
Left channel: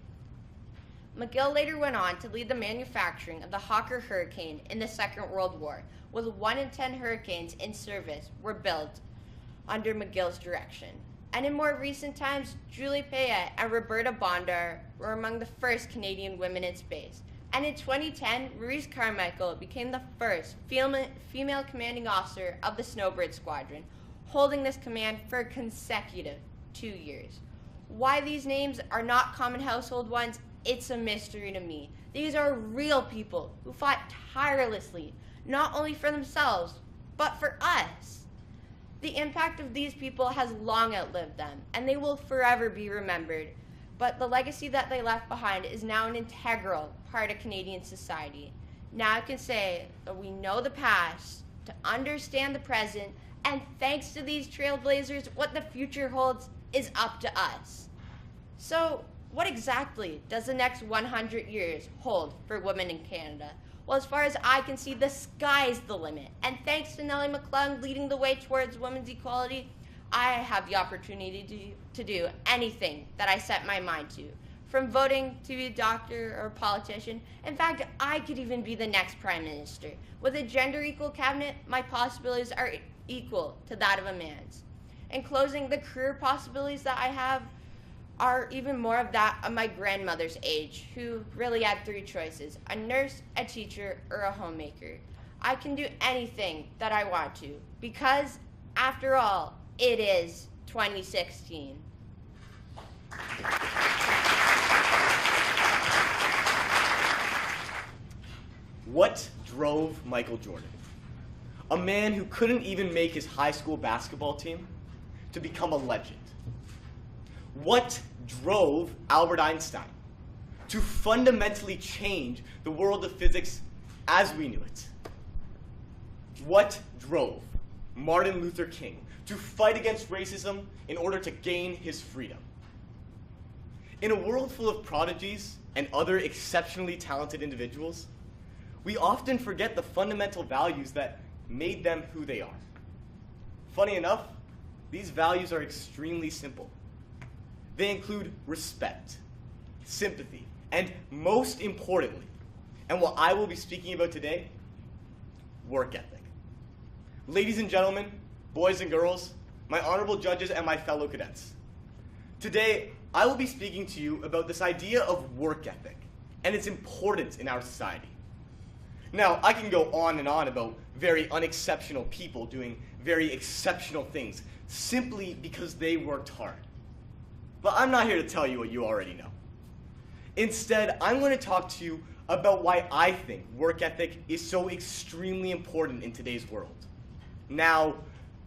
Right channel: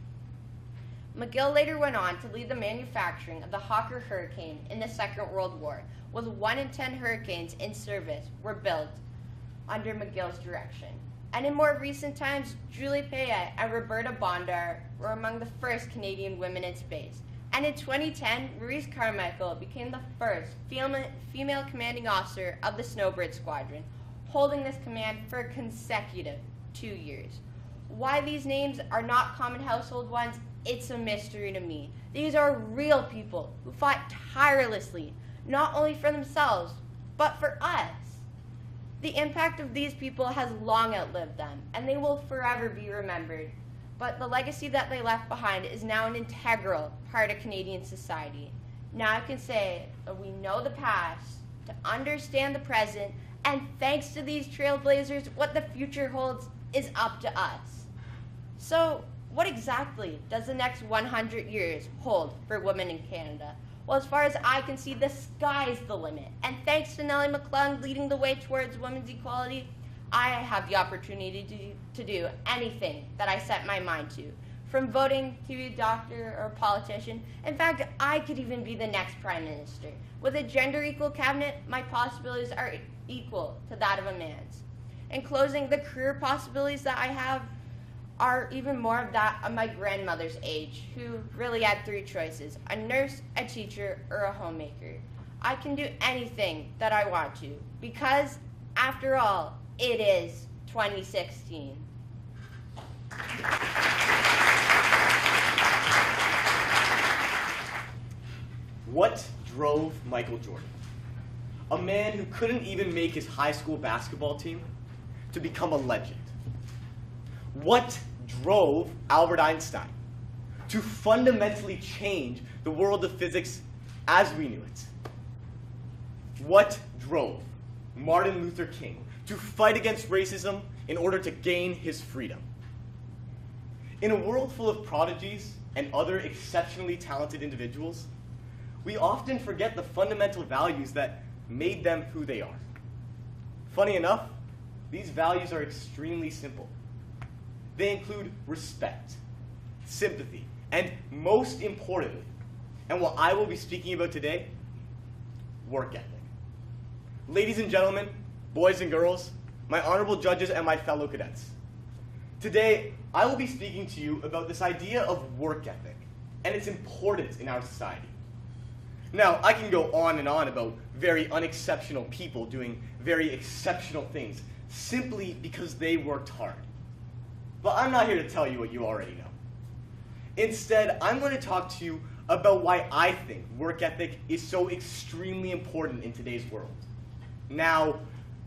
McGill later went on to lead the manufacturing of the Hawker Hurricane in the Second World War, with 1 in 10 hurricanes in service were built under McGill's direction. And in more recent times, Julie Payette and Roberta Bondar were among the first Canadian women in space. And in 2010, Maurice Carmichael became the first female commanding officer of the Snowbird Squadron, holding this command for a consecutive 2 years. Why these names are not common household ones, it's a mystery to me. These are real people who fought tirelessly, not only for themselves, but for us. The impact of these people has long outlived them, and they will forever be remembered. But the legacy that they left behind is now an integral part of Canadian society. Now I can say that we know the past to understand the present, and thanks to these trailblazers, what the future holds is up to us. So, what exactly does the next 100 years hold for women in Canada? Well, as far as I can see, the sky's the limit. And thanks to Nellie McClung leading the way towards women's equality, I have the opportunity to do anything that I set my mind to. From voting to be a doctor or a politician. In fact, I could even be the next prime minister. With a gender-equal cabinet, my possibilities are equal to that of a man's. In closing, the career possibilities that I have are even more of that of my grandmother's age, who really had 3 choices: a nurse, a teacher, or a homemaker. I can do anything that I want to, because, after all, it is 2016. What drove Michael Jordan, a man who couldn't even make his high school basketball team, to become a legend? What drove Albert Einstein to fundamentally change the world of physics as we knew it? What drove Martin Luther King to fight against racism in order to gain his freedom? In a world full of prodigies and other exceptionally talented individuals, we often forget the fundamental values that made them who they are. Funny enough, these values are extremely simple. They include respect, sympathy, and most importantly, and what I will be speaking about today, work ethic. Ladies and gentlemen, boys and girls, my honorable judges and my fellow cadets. Today, I will be speaking to you about this idea of work ethic and its importance in our society. Now, I can go on and on about very unexceptional people doing very exceptional things simply because they worked hard. But I'm not here to tell you what you already know. Instead, I'm going to talk to you about why I think work ethic is so extremely important in today's world. Now,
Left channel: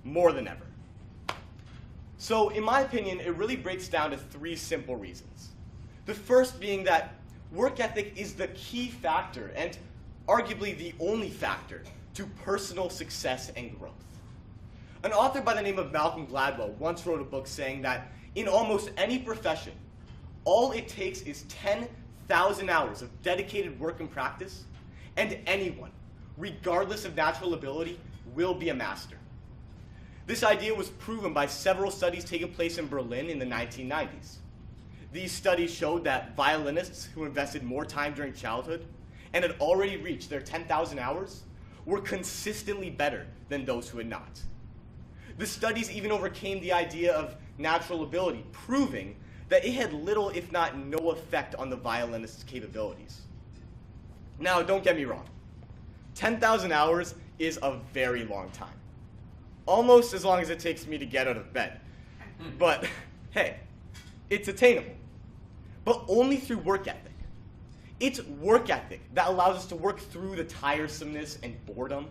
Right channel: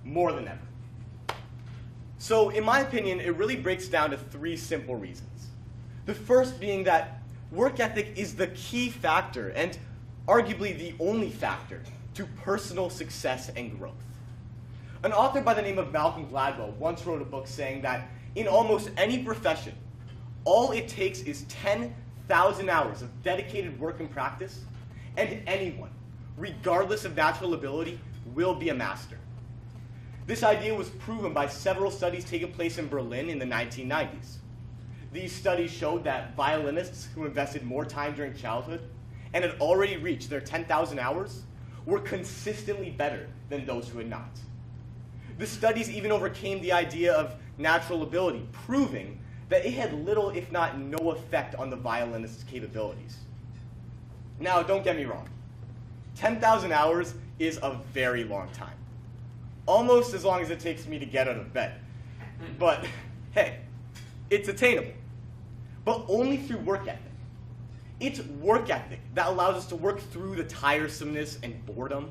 more than ever. So, in my opinion, it really breaks down to three simple reasons. The first being that work ethic is the key factor and arguably the only factor to personal success and growth. An author by the name of Malcolm Gladwell once wrote a book saying that in almost any profession, all it takes is 10,000 hours of dedicated work and practice, and anyone, regardless of natural ability, will be a master. This idea was proven by several studies taking place in Berlin in the 1990s. These studies showed that violinists who invested more time during childhood and had already reached their 10,000 hours were consistently better than those who had not. The studies even overcame the idea of natural ability, proving that it had little, if not no effect on the violinist's capabilities. Now, don't get me wrong. 10,000 hours is a very long time. Almost as long as it takes me to get out of bed. But, hey, it's attainable. But only through work ethic. It's work ethic that allows us to work through the tiresomeness and boredom.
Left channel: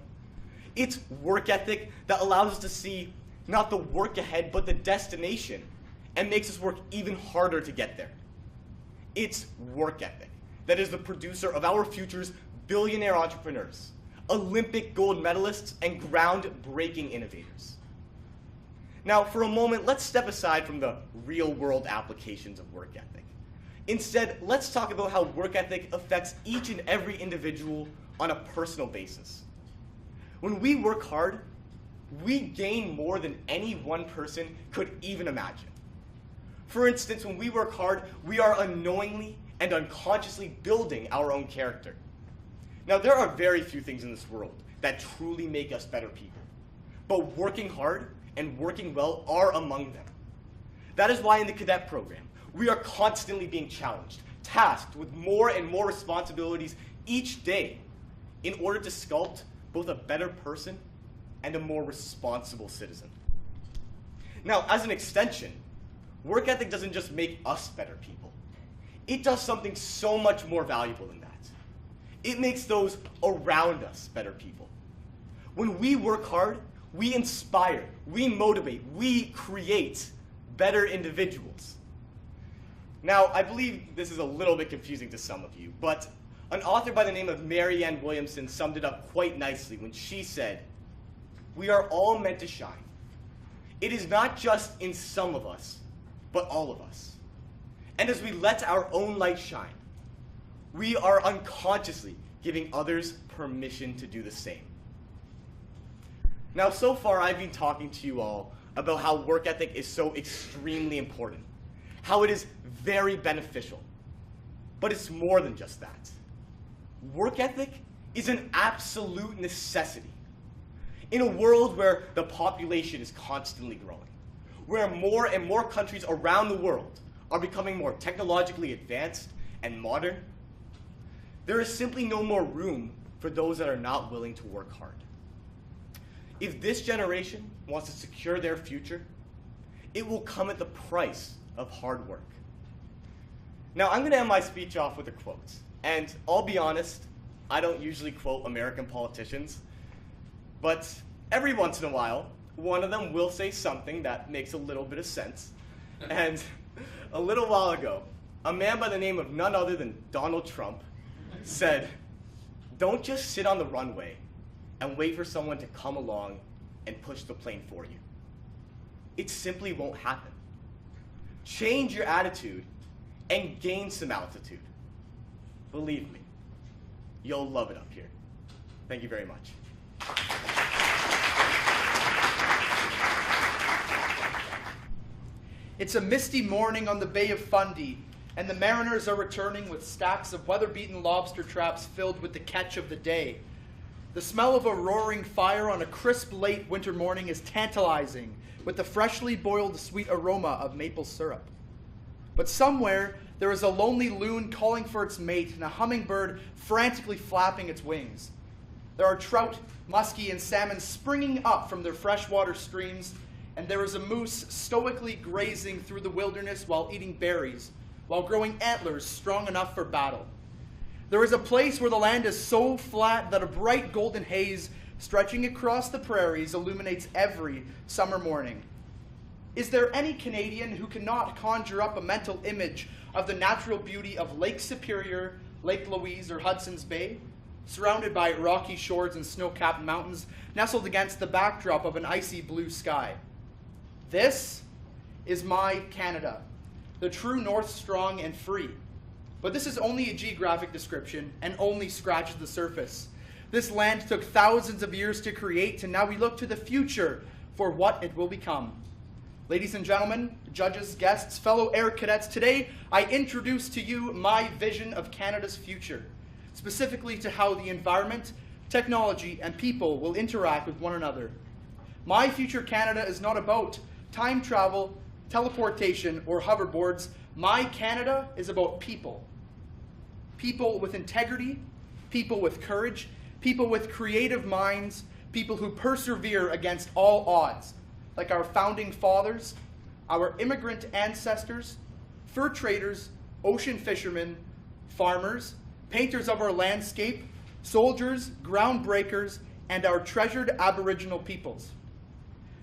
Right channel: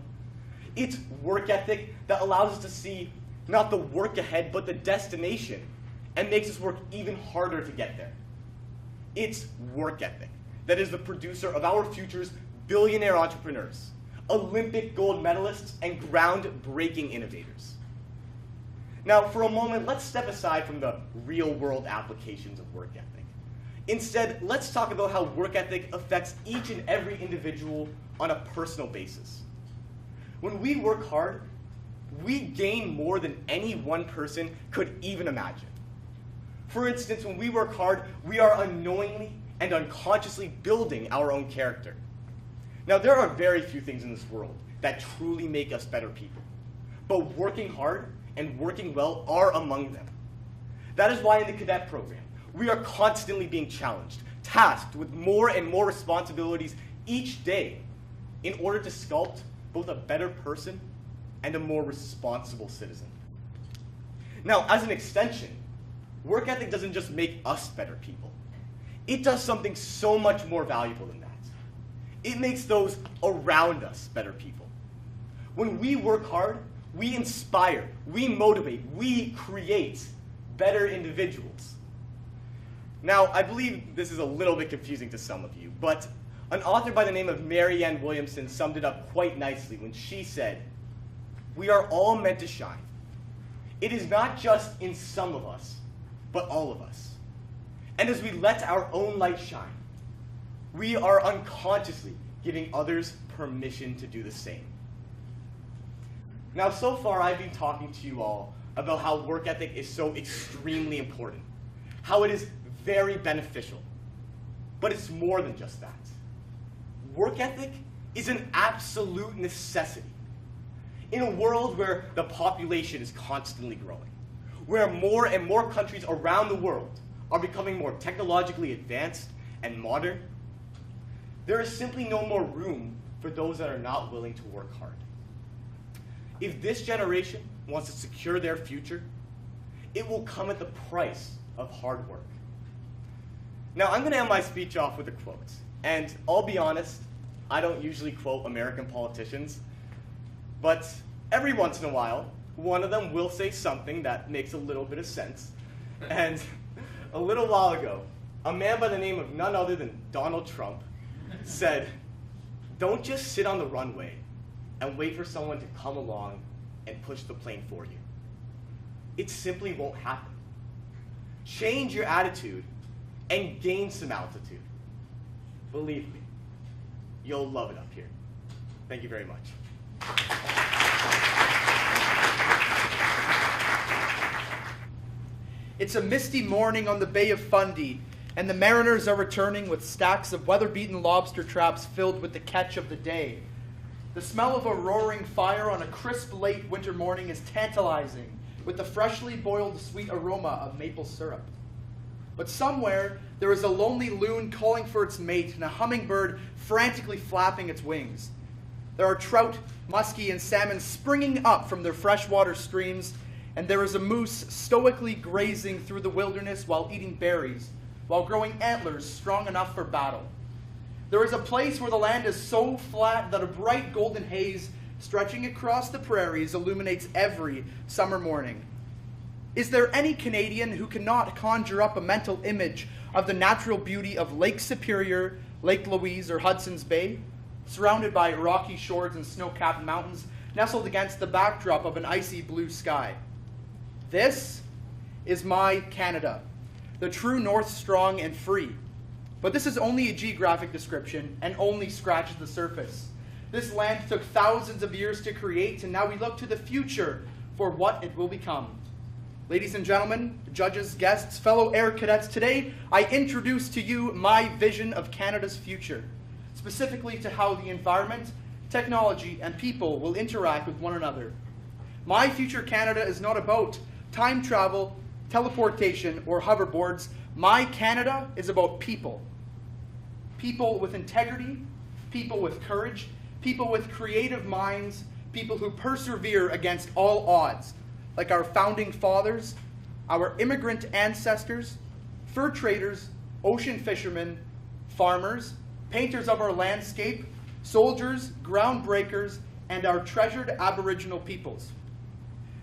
It's work ethic that allows us to see not the work ahead, but the destination, and makes us work even harder to get there. It's work ethic that is the producer of our future's billionaire entrepreneurs, Olympic gold medalists, and groundbreaking innovators. Now, for a moment, let's step aside from the real-world applications of work ethic. Instead, let's talk about how work ethic affects each and every individual on a personal basis. When we work hard, we gain more than any one person could even imagine. For instance, when we work hard, we are unknowingly and unconsciously building our own character. Now, there are very few things in this world that truly make us better people, but working hard and working well are among them. That is why in the cadet program, we are constantly being challenged, tasked with more and more responsibilities each day in order to sculpt both a better person and a more responsible citizen. Now, as an extension, work ethic doesn't just make us better people. It does something so much more valuable than that. It makes those around us better people. When we work hard, we inspire, we motivate, we create better individuals. Now, I believe this is a little bit confusing to some of you, but an author by the name of Marianne Williamson summed it up quite nicely when she said, "We are all meant to shine. It is not just in some of us, but all of us. And as we let our own light shine, we are unconsciously giving others permission to do the same." Now, so far I've been talking to you all about how work ethic is so extremely important, how it is very beneficial. But it's more than just that. Work ethic is an absolute necessity. In a world where the population is constantly growing, where more and more countries around the world are becoming more technologically advanced and modern, there is simply no more room for those that are not willing to work hard. If this generation wants to secure their future, it will come at the price of hard work. Now, I'm going to end my speech off with a quote. And I'll be honest, I don't usually quote American politicians, but every once in a while, one of them will say something that makes a little bit of sense. And a little while ago, a man by the name of none other than Donald Trump said, "Don't just sit on the runway and wait for someone to come along and push the plane for you. It simply won't happen. Change your attitude and gain some altitude. Believe me, you'll love it up here." Thank you very much. It's a misty morning on the Bay of Fundy, and the mariners are returning with stacks of weather-beaten lobster traps filled with the catch of the day. The smell of a roaring fire on a crisp late winter morning is tantalizing, with the freshly boiled sweet aroma of maple syrup. But somewhere, there is a lonely loon calling for its mate and a hummingbird frantically flapping its wings. There are trout, muskie, and salmon springing up from their freshwater streams, and there is a moose stoically grazing through the wilderness while eating berries, while growing antlers strong enough for battle. There is a place where the land is so flat that a bright golden haze stretching across the prairies illuminates every summer morning. Is there any Canadian who cannot conjure up a mental image of the natural beauty of Lake Superior, Lake Louise, or Hudson's Bay, surrounded by rocky shores and snow-capped mountains, nestled against the backdrop of an icy blue sky? This is my Canada, the true north, strong and free. But this is only a geographic description and only scratches the surface. This land took thousands of years to create, and now we look to the future for what it will become. Ladies and gentlemen, judges, guests, fellow Air Cadets, today I introduce to you my vision of Canada's future, specifically to how the environment, technology, and people will interact with one another. My future Canada is not about time travel, teleportation, or hoverboards. My Canada is about people. People with integrity, people with courage, people with creative minds, people who persevere against all odds, like our founding fathers, our immigrant ancestors, fur traders, ocean fishermen, farmers, painters of our landscape, soldiers, groundbreakers, and our treasured Aboriginal peoples.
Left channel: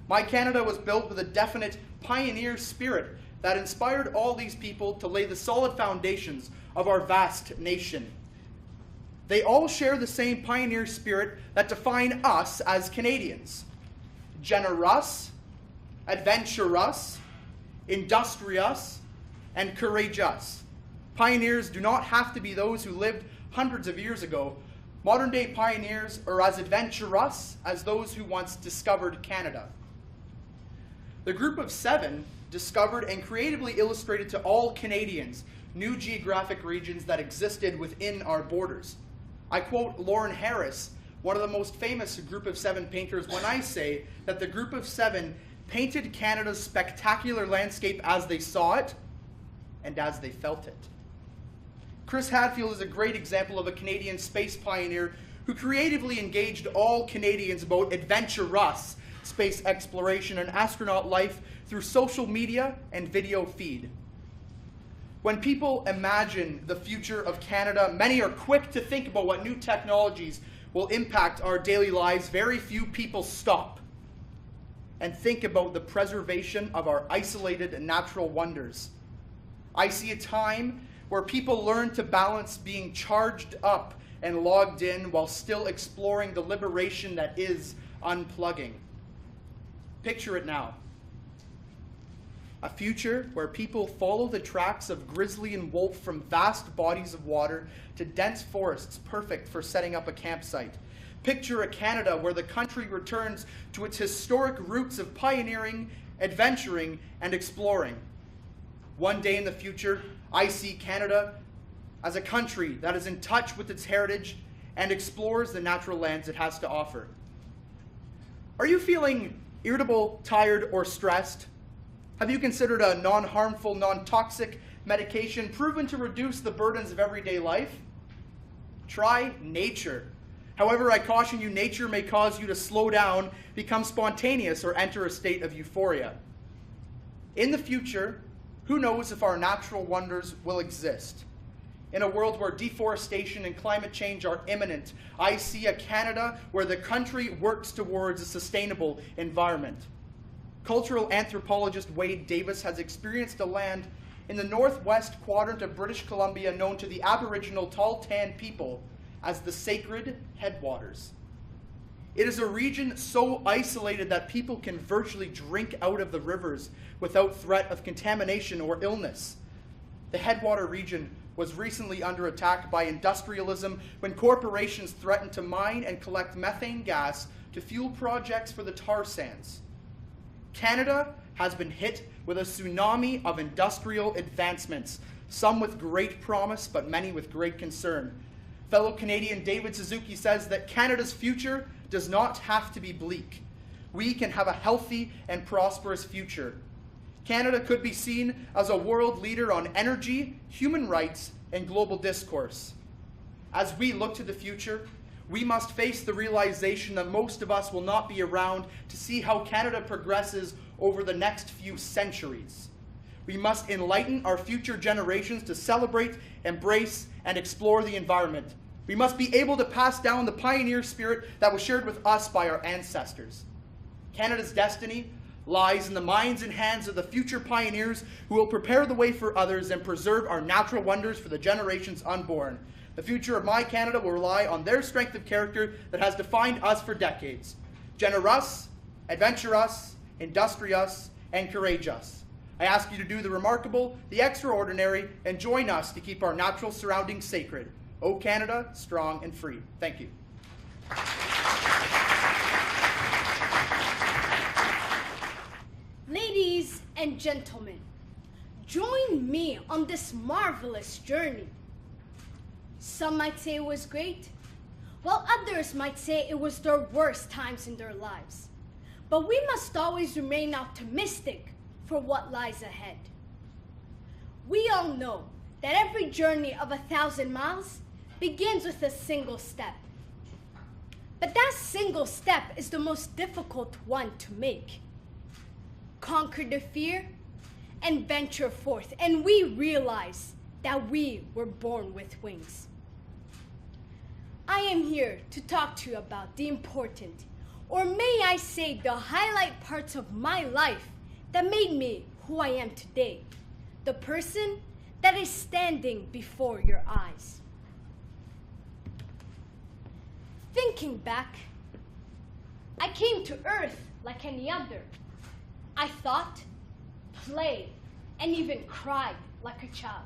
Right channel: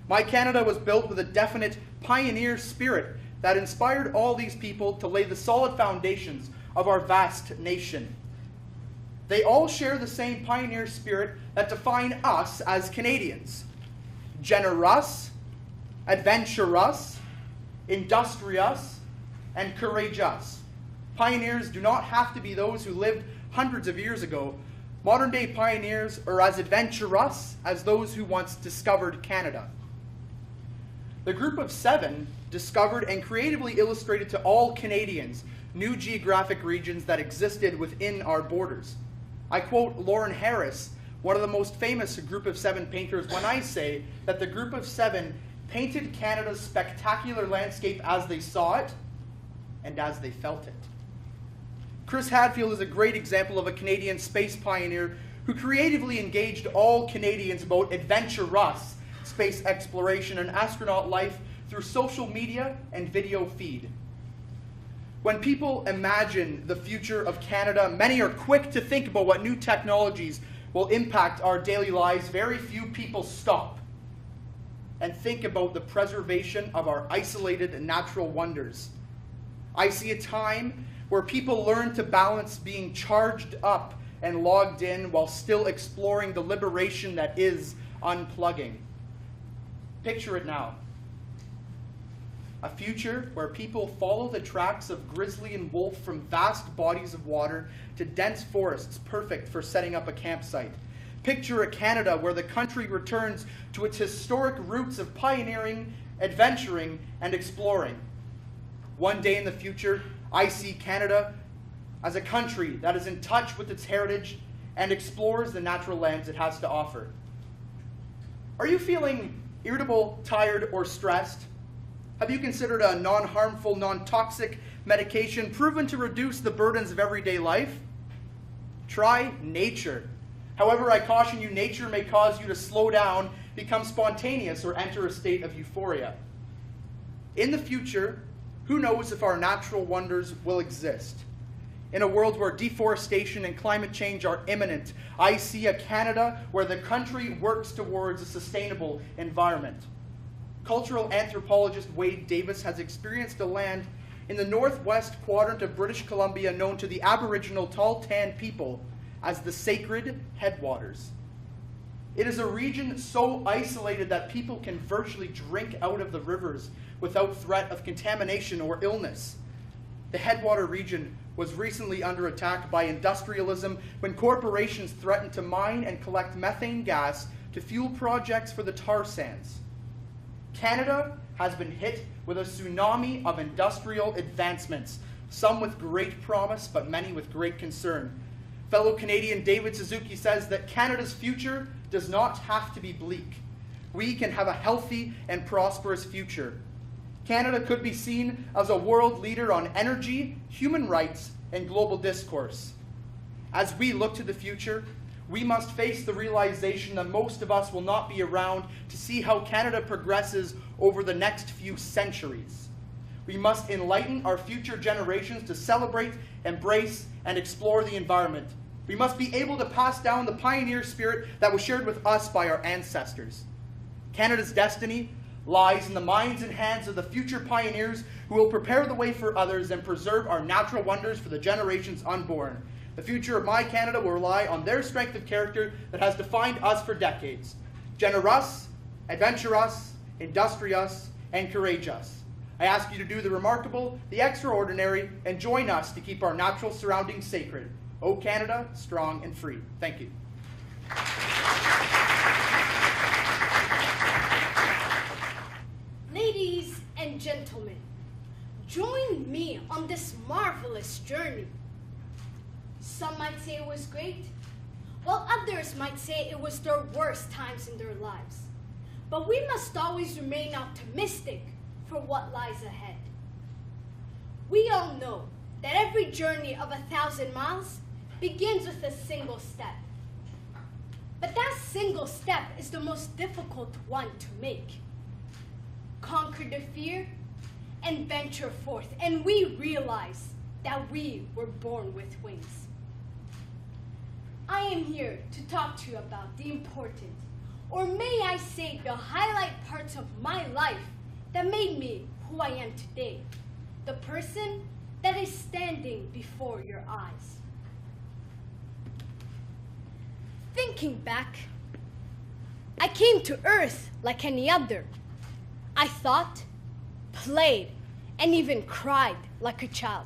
My Canada was built with a definite pioneer spirit that inspired all these people to lay the solid foundations of our vast nation. They all share the same pioneer spirit that define us as Canadians: generous, adventurous, industrious, and courageous. Pioneers do not have to be those who lived hundreds of years ago. Modern-day pioneers are as adventurous as those who once discovered Canada. The Group of Seven discovered and creatively illustrated to all Canadians new geographic regions that existed within our borders. I quote Lauren Harris, one of the most famous Group of Seven painters, when I say that the Group of Seven painted Canada's spectacular landscape as they saw it and as they felt it. Chris Hadfield is a great example of a Canadian space pioneer who creatively engaged all Canadians about adventurous space exploration and astronaut life through social media and video feed. When people imagine the future of Canada, many are quick to think about what new technologies will impact our daily lives. Very few people stop and think about the preservation of our isolated natural wonders. I see a time where people learn to balance being charged up and logged in while still exploring the liberation that is unplugging. Picture it now. A future where people follow the tracks of grizzly and wolf from vast bodies of water to dense forests perfect for setting up a campsite. Picture a Canada where the country returns to its historic roots of pioneering, adventuring, and exploring. One day in the future, I see Canada as a country that is in touch with its heritage and explores the natural lands it has to offer. Are you feeling irritable, tired, or stressed? Have you considered a non-harmful, non-toxic medication proven to reduce the burdens of everyday life? Try nature. However, I caution you, nature may cause you to slow down, become spontaneous, or enter a state of euphoria. In the future, who knows if our natural wonders will exist? In a world where deforestation and climate change are imminent, I see a Canada where the country works towards a sustainable environment. Cultural anthropologist Wade Davis has experienced a land in the northwest quadrant of British Columbia known to the Aboriginal Tall Tan people as the Sacred Headwaters. It is a region so isolated that people can virtually drink out of the rivers without threat of contamination or illness. The Headwater region was recently under attack by industrialism when corporations threatened to mine and collect methane gas to fuel projects for the tar sands. Canada has been hit with a tsunami of industrial advancements, some with great promise, but many with great concern. Fellow Canadian David Suzuki says that Canada's future does not have to be bleak. We can have a healthy and prosperous future. Canada could be seen as a world leader on energy, human rights, and global discourse. As we look to the future, we must face the realization that most of us will not be around to see how Canada progresses over the next few centuries. We must enlighten our future generations to celebrate, embrace, and explore the environment. We must be able to pass down the pioneer spirit that was shared with us by our ancestors. Canada's destiny lies in the minds and hands of the future pioneers who will prepare the way for others and preserve our natural wonders for the generations unborn. The future of my Canada will rely on their strength of character that has defined us for decades. Generous, adventurous, industrious, and courageous. I ask you to do the remarkable, the extraordinary, and join us to keep our natural surroundings sacred. O Canada, strong and free. Thank you. Ladies and gentlemen, join me on this marvelous journey. Some might say it was great, while others might say it was their worst times in their lives. But we must always remain optimistic for what lies ahead. We all know that every journey of 1,000 miles begins with a single step. But that single step is the most difficult one to make. Conquer the fear and venture forth, and we realize that we were born with wings. I am here to talk to you about the important, or may I say the highlight parts of my life that made me who I am today, the person that is standing before your eyes. Thinking back, I came to Earth like any other. I thought, played, and even cried like a child.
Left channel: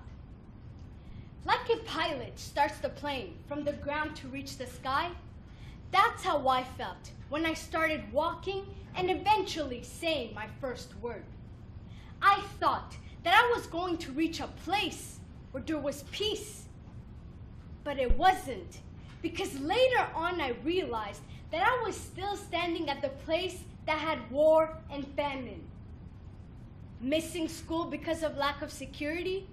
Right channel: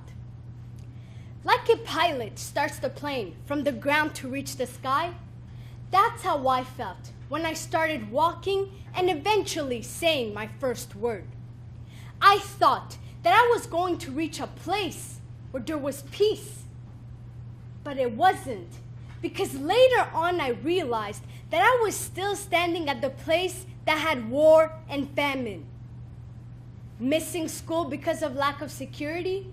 Like a pilot starts the plane from the ground to reach the sky, that's how I felt when I started walking and eventually saying my first word. I thought that I was going to reach a place where there was peace. But it wasn't, because later on I realized that I was still standing at the place that had war and famine. Missing school because of lack of security,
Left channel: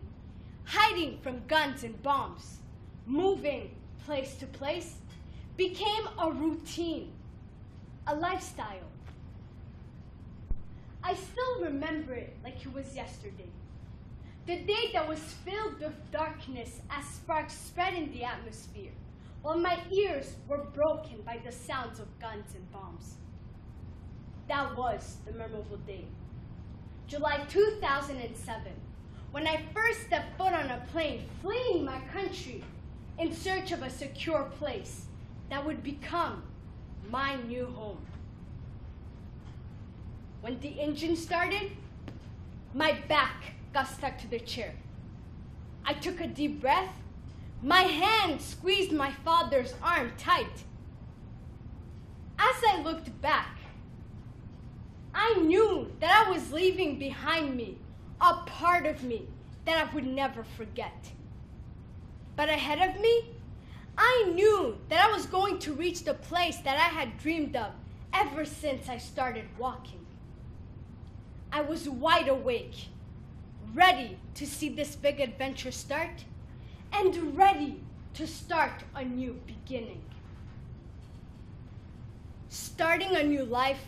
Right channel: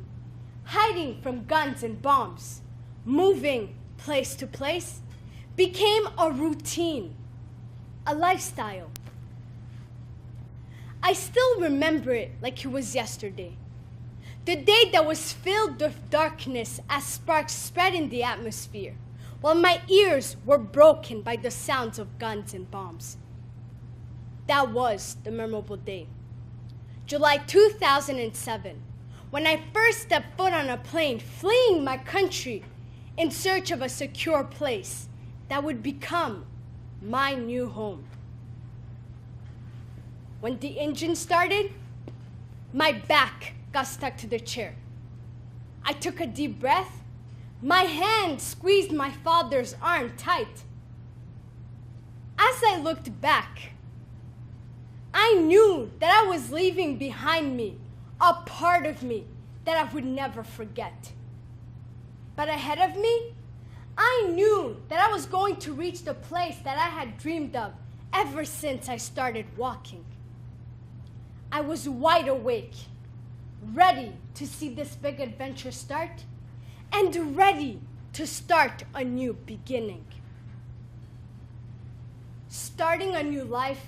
hiding from guns and bombs, moving place to place, became a routine, a lifestyle. I still remember it like it was yesterday. The day that was filled with darkness as sparks spread in the atmosphere, while my ears were broken by the sounds of guns and bombs. That was the memorable day. July 2007, when I first stepped foot on a plane fleeing my country in search of a secure place that would become my new home. When the engine started, my back got stuck to the chair. I took a deep breath. My hand squeezed my father's arm tight. As I looked back, I knew that I was leaving behind me a part of me that I would never forget. But ahead of me, I knew that I was going to reach the place that I had dreamed of ever since I started walking. I was wide awake, ready to see this big adventure start, and ready to start a new beginning. Starting a new life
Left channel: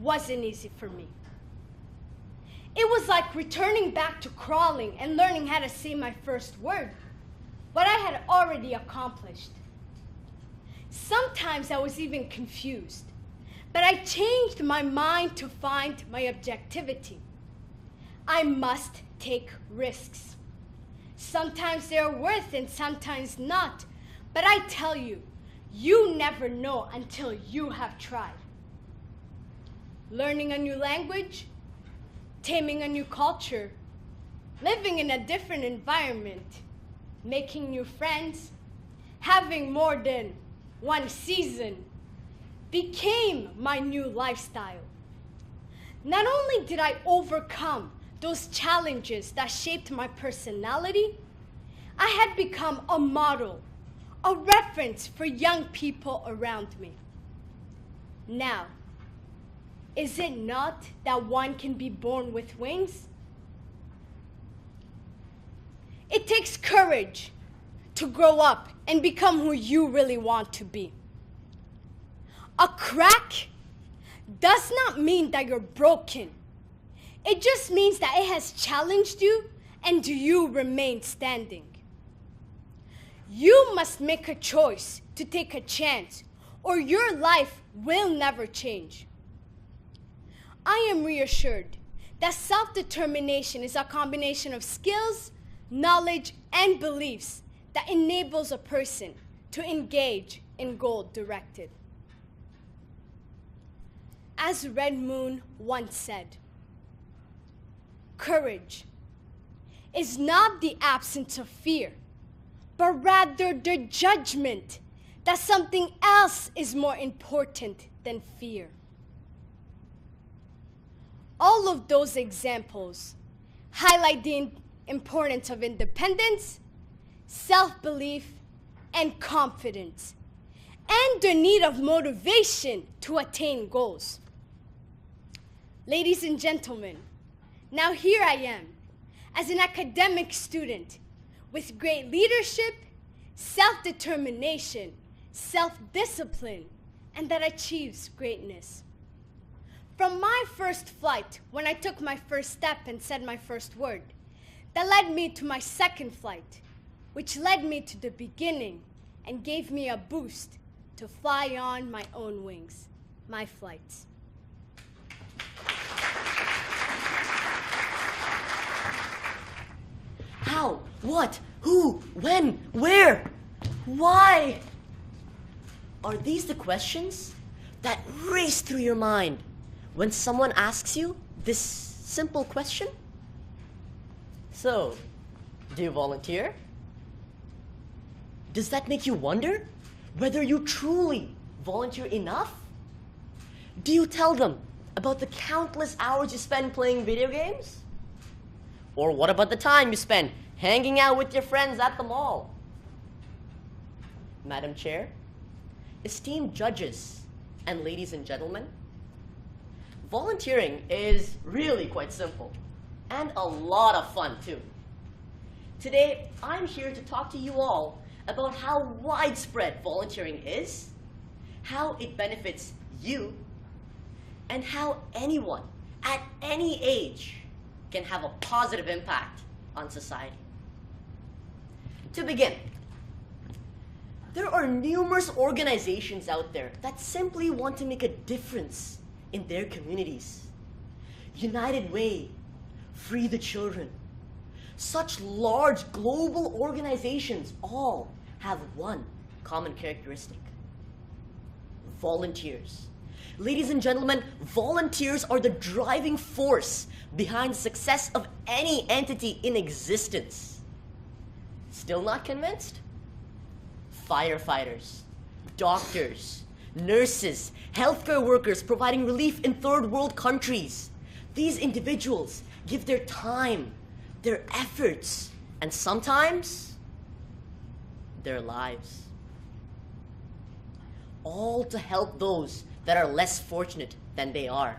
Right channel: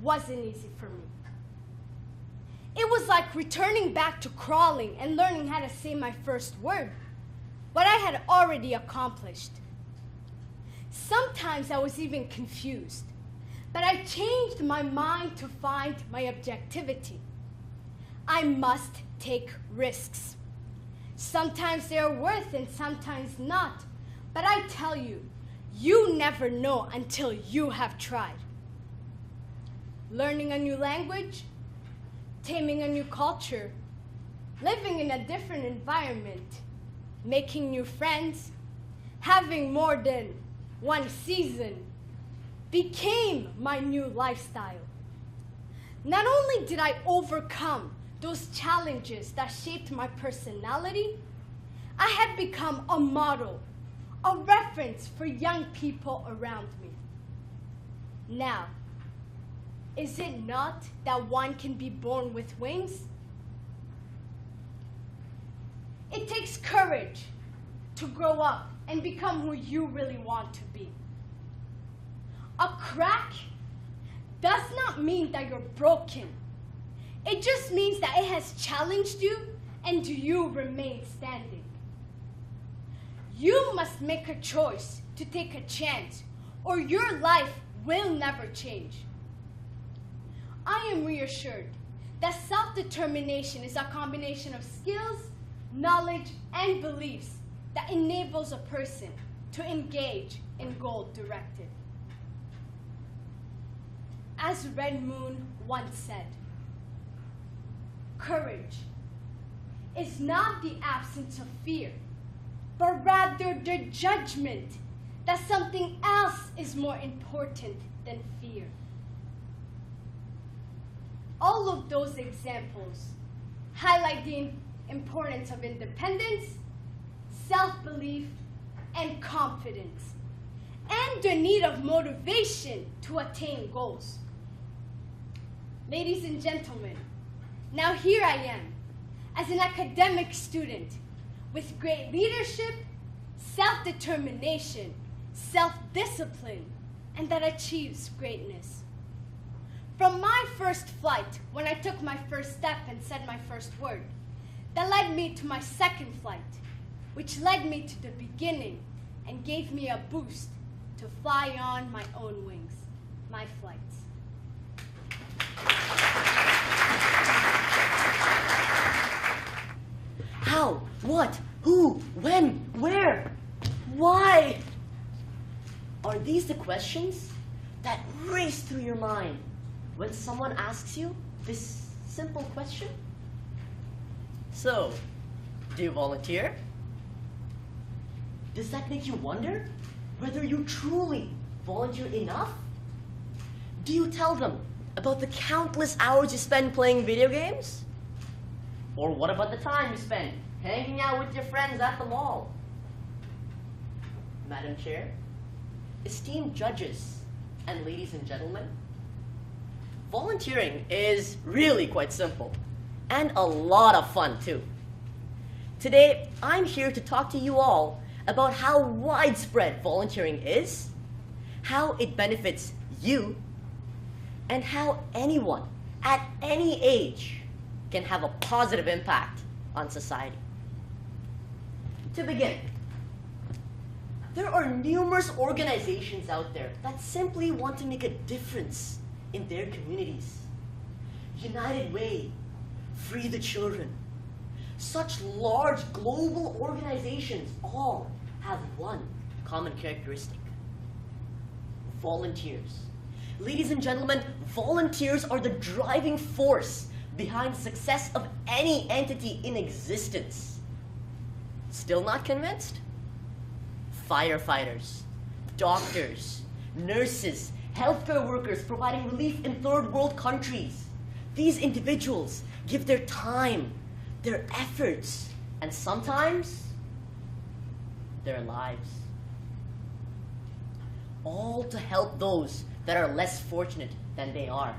wasn't easy for me. It was like returning back to crawling and learning how to say my first word, what I had already accomplished. Sometimes I was even confused, but I changed my mind to find my objectivity. I must take risks. Sometimes they are worth and sometimes not, but I tell you, you never know until you have tried. Learning a new language, taming a new culture, living in a different environment, making new friends, having more than one season became my new lifestyle. Not only did I overcome those challenges that shaped my personality, I had become a model, a reference for young people around me. Now, is it not that one can be born with wings? It takes courage to grow up and become who you really want to be. A crack does not mean that you're broken. It just means that it has challenged you and you remain standing. You must make a choice to take a chance or your life will never change. I am reassured that self-determination is a combination of skills, knowledge, and beliefs that enables a person to engage in goal-directed. As Red Moon once said, courage is not the absence of fear, but rather the judgment that something else is more important than fear. All of those examples highlight the importance of independence, self-belief, and confidence, and the need of motivation to attain goals. Ladies and gentlemen, now here I am, as an academic student, with great leadership, self-determination, self-discipline, and that achieves greatness. From my first flight, when I took my first step and said my first word, that led me to my second flight, which led me to the beginning and gave me a boost to fly on my own wings, my flights. How? What? Who? When? Where? Why? Are these the questions that race through your mind when someone asks you this simple question? So, do you volunteer? Does that make you wonder whether you truly volunteer enough? Do you tell them about the countless hours you spend playing video games? Or what about the time you spend hanging out with your friends at the mall? Madam Chair, esteemed judges, and ladies and gentlemen, volunteering is really quite simple and a lot of fun too. Today, I'm here to talk to you all about how widespread volunteering is, how it benefits you, and how anyone at any age can have a positive impact on society. To begin, there are numerous organizations out there that simply want to make a difference in their communities. United Way, Free the Children. Such large global organizations all have one common characteristic: volunteers. Ladies and gentlemen, volunteers are the driving force behind the success of any entity in existence. Still not convinced? Firefighters, doctors, nurses, healthcare workers providing relief in third world countries. These individuals give their time, their efforts, and sometimes their lives, all to help those that are less fortunate than they are.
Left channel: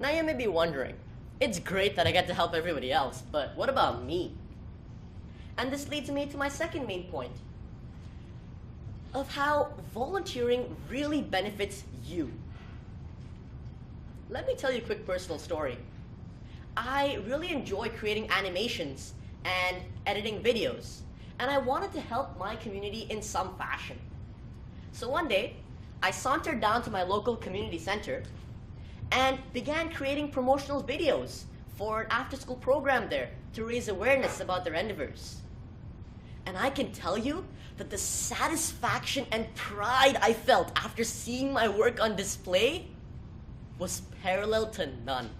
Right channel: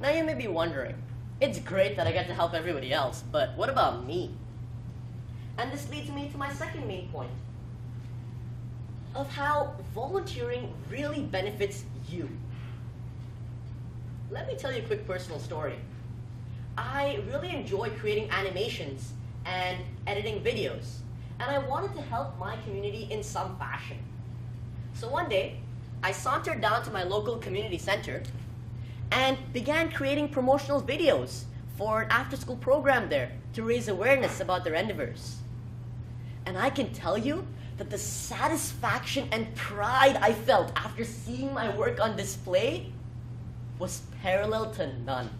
Now you may be wondering, it's great that I get to help everybody else, but what about me? And this leads me to my second main point of how volunteering really benefits you. Let me tell you a quick personal story. I really enjoy creating animations and editing videos, and I wanted to help my community in some fashion. So one day, I sauntered down to my local community center and began creating promotional videos for an after-school program there to raise awareness about their endeavors. And I can tell you that the satisfaction and pride I felt after seeing my work on display was parallel to none.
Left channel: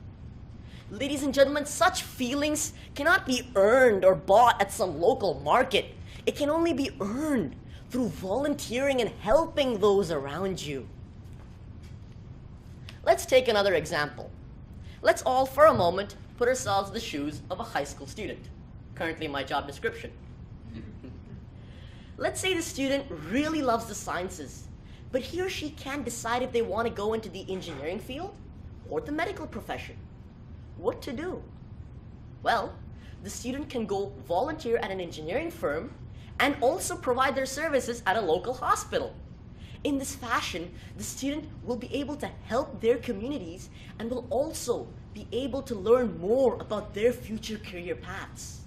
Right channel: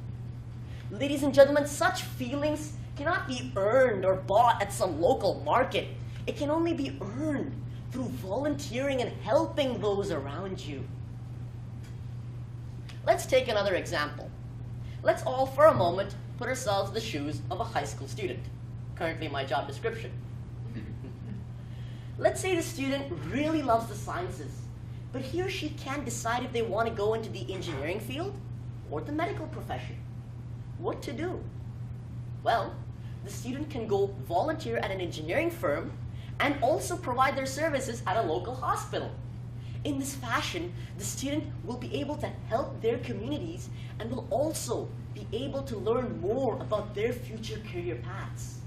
Ladies and gentlemen, such feelings cannot be earned or bought at some local market. It can only be earned through volunteering and helping those around you. Let's take another example. Let's all, for a moment, put ourselves in the shoes of a high school student. Currently my job description. Let's say the student really loves the sciences, but he or she can't decide if they want to go into the engineering field or the medical profession. What to do? Well, the student can go volunteer at an engineering firm and also provide their services at a local hospital. In this fashion, the student will be able to help their communities and will also be able to learn more about their future career paths.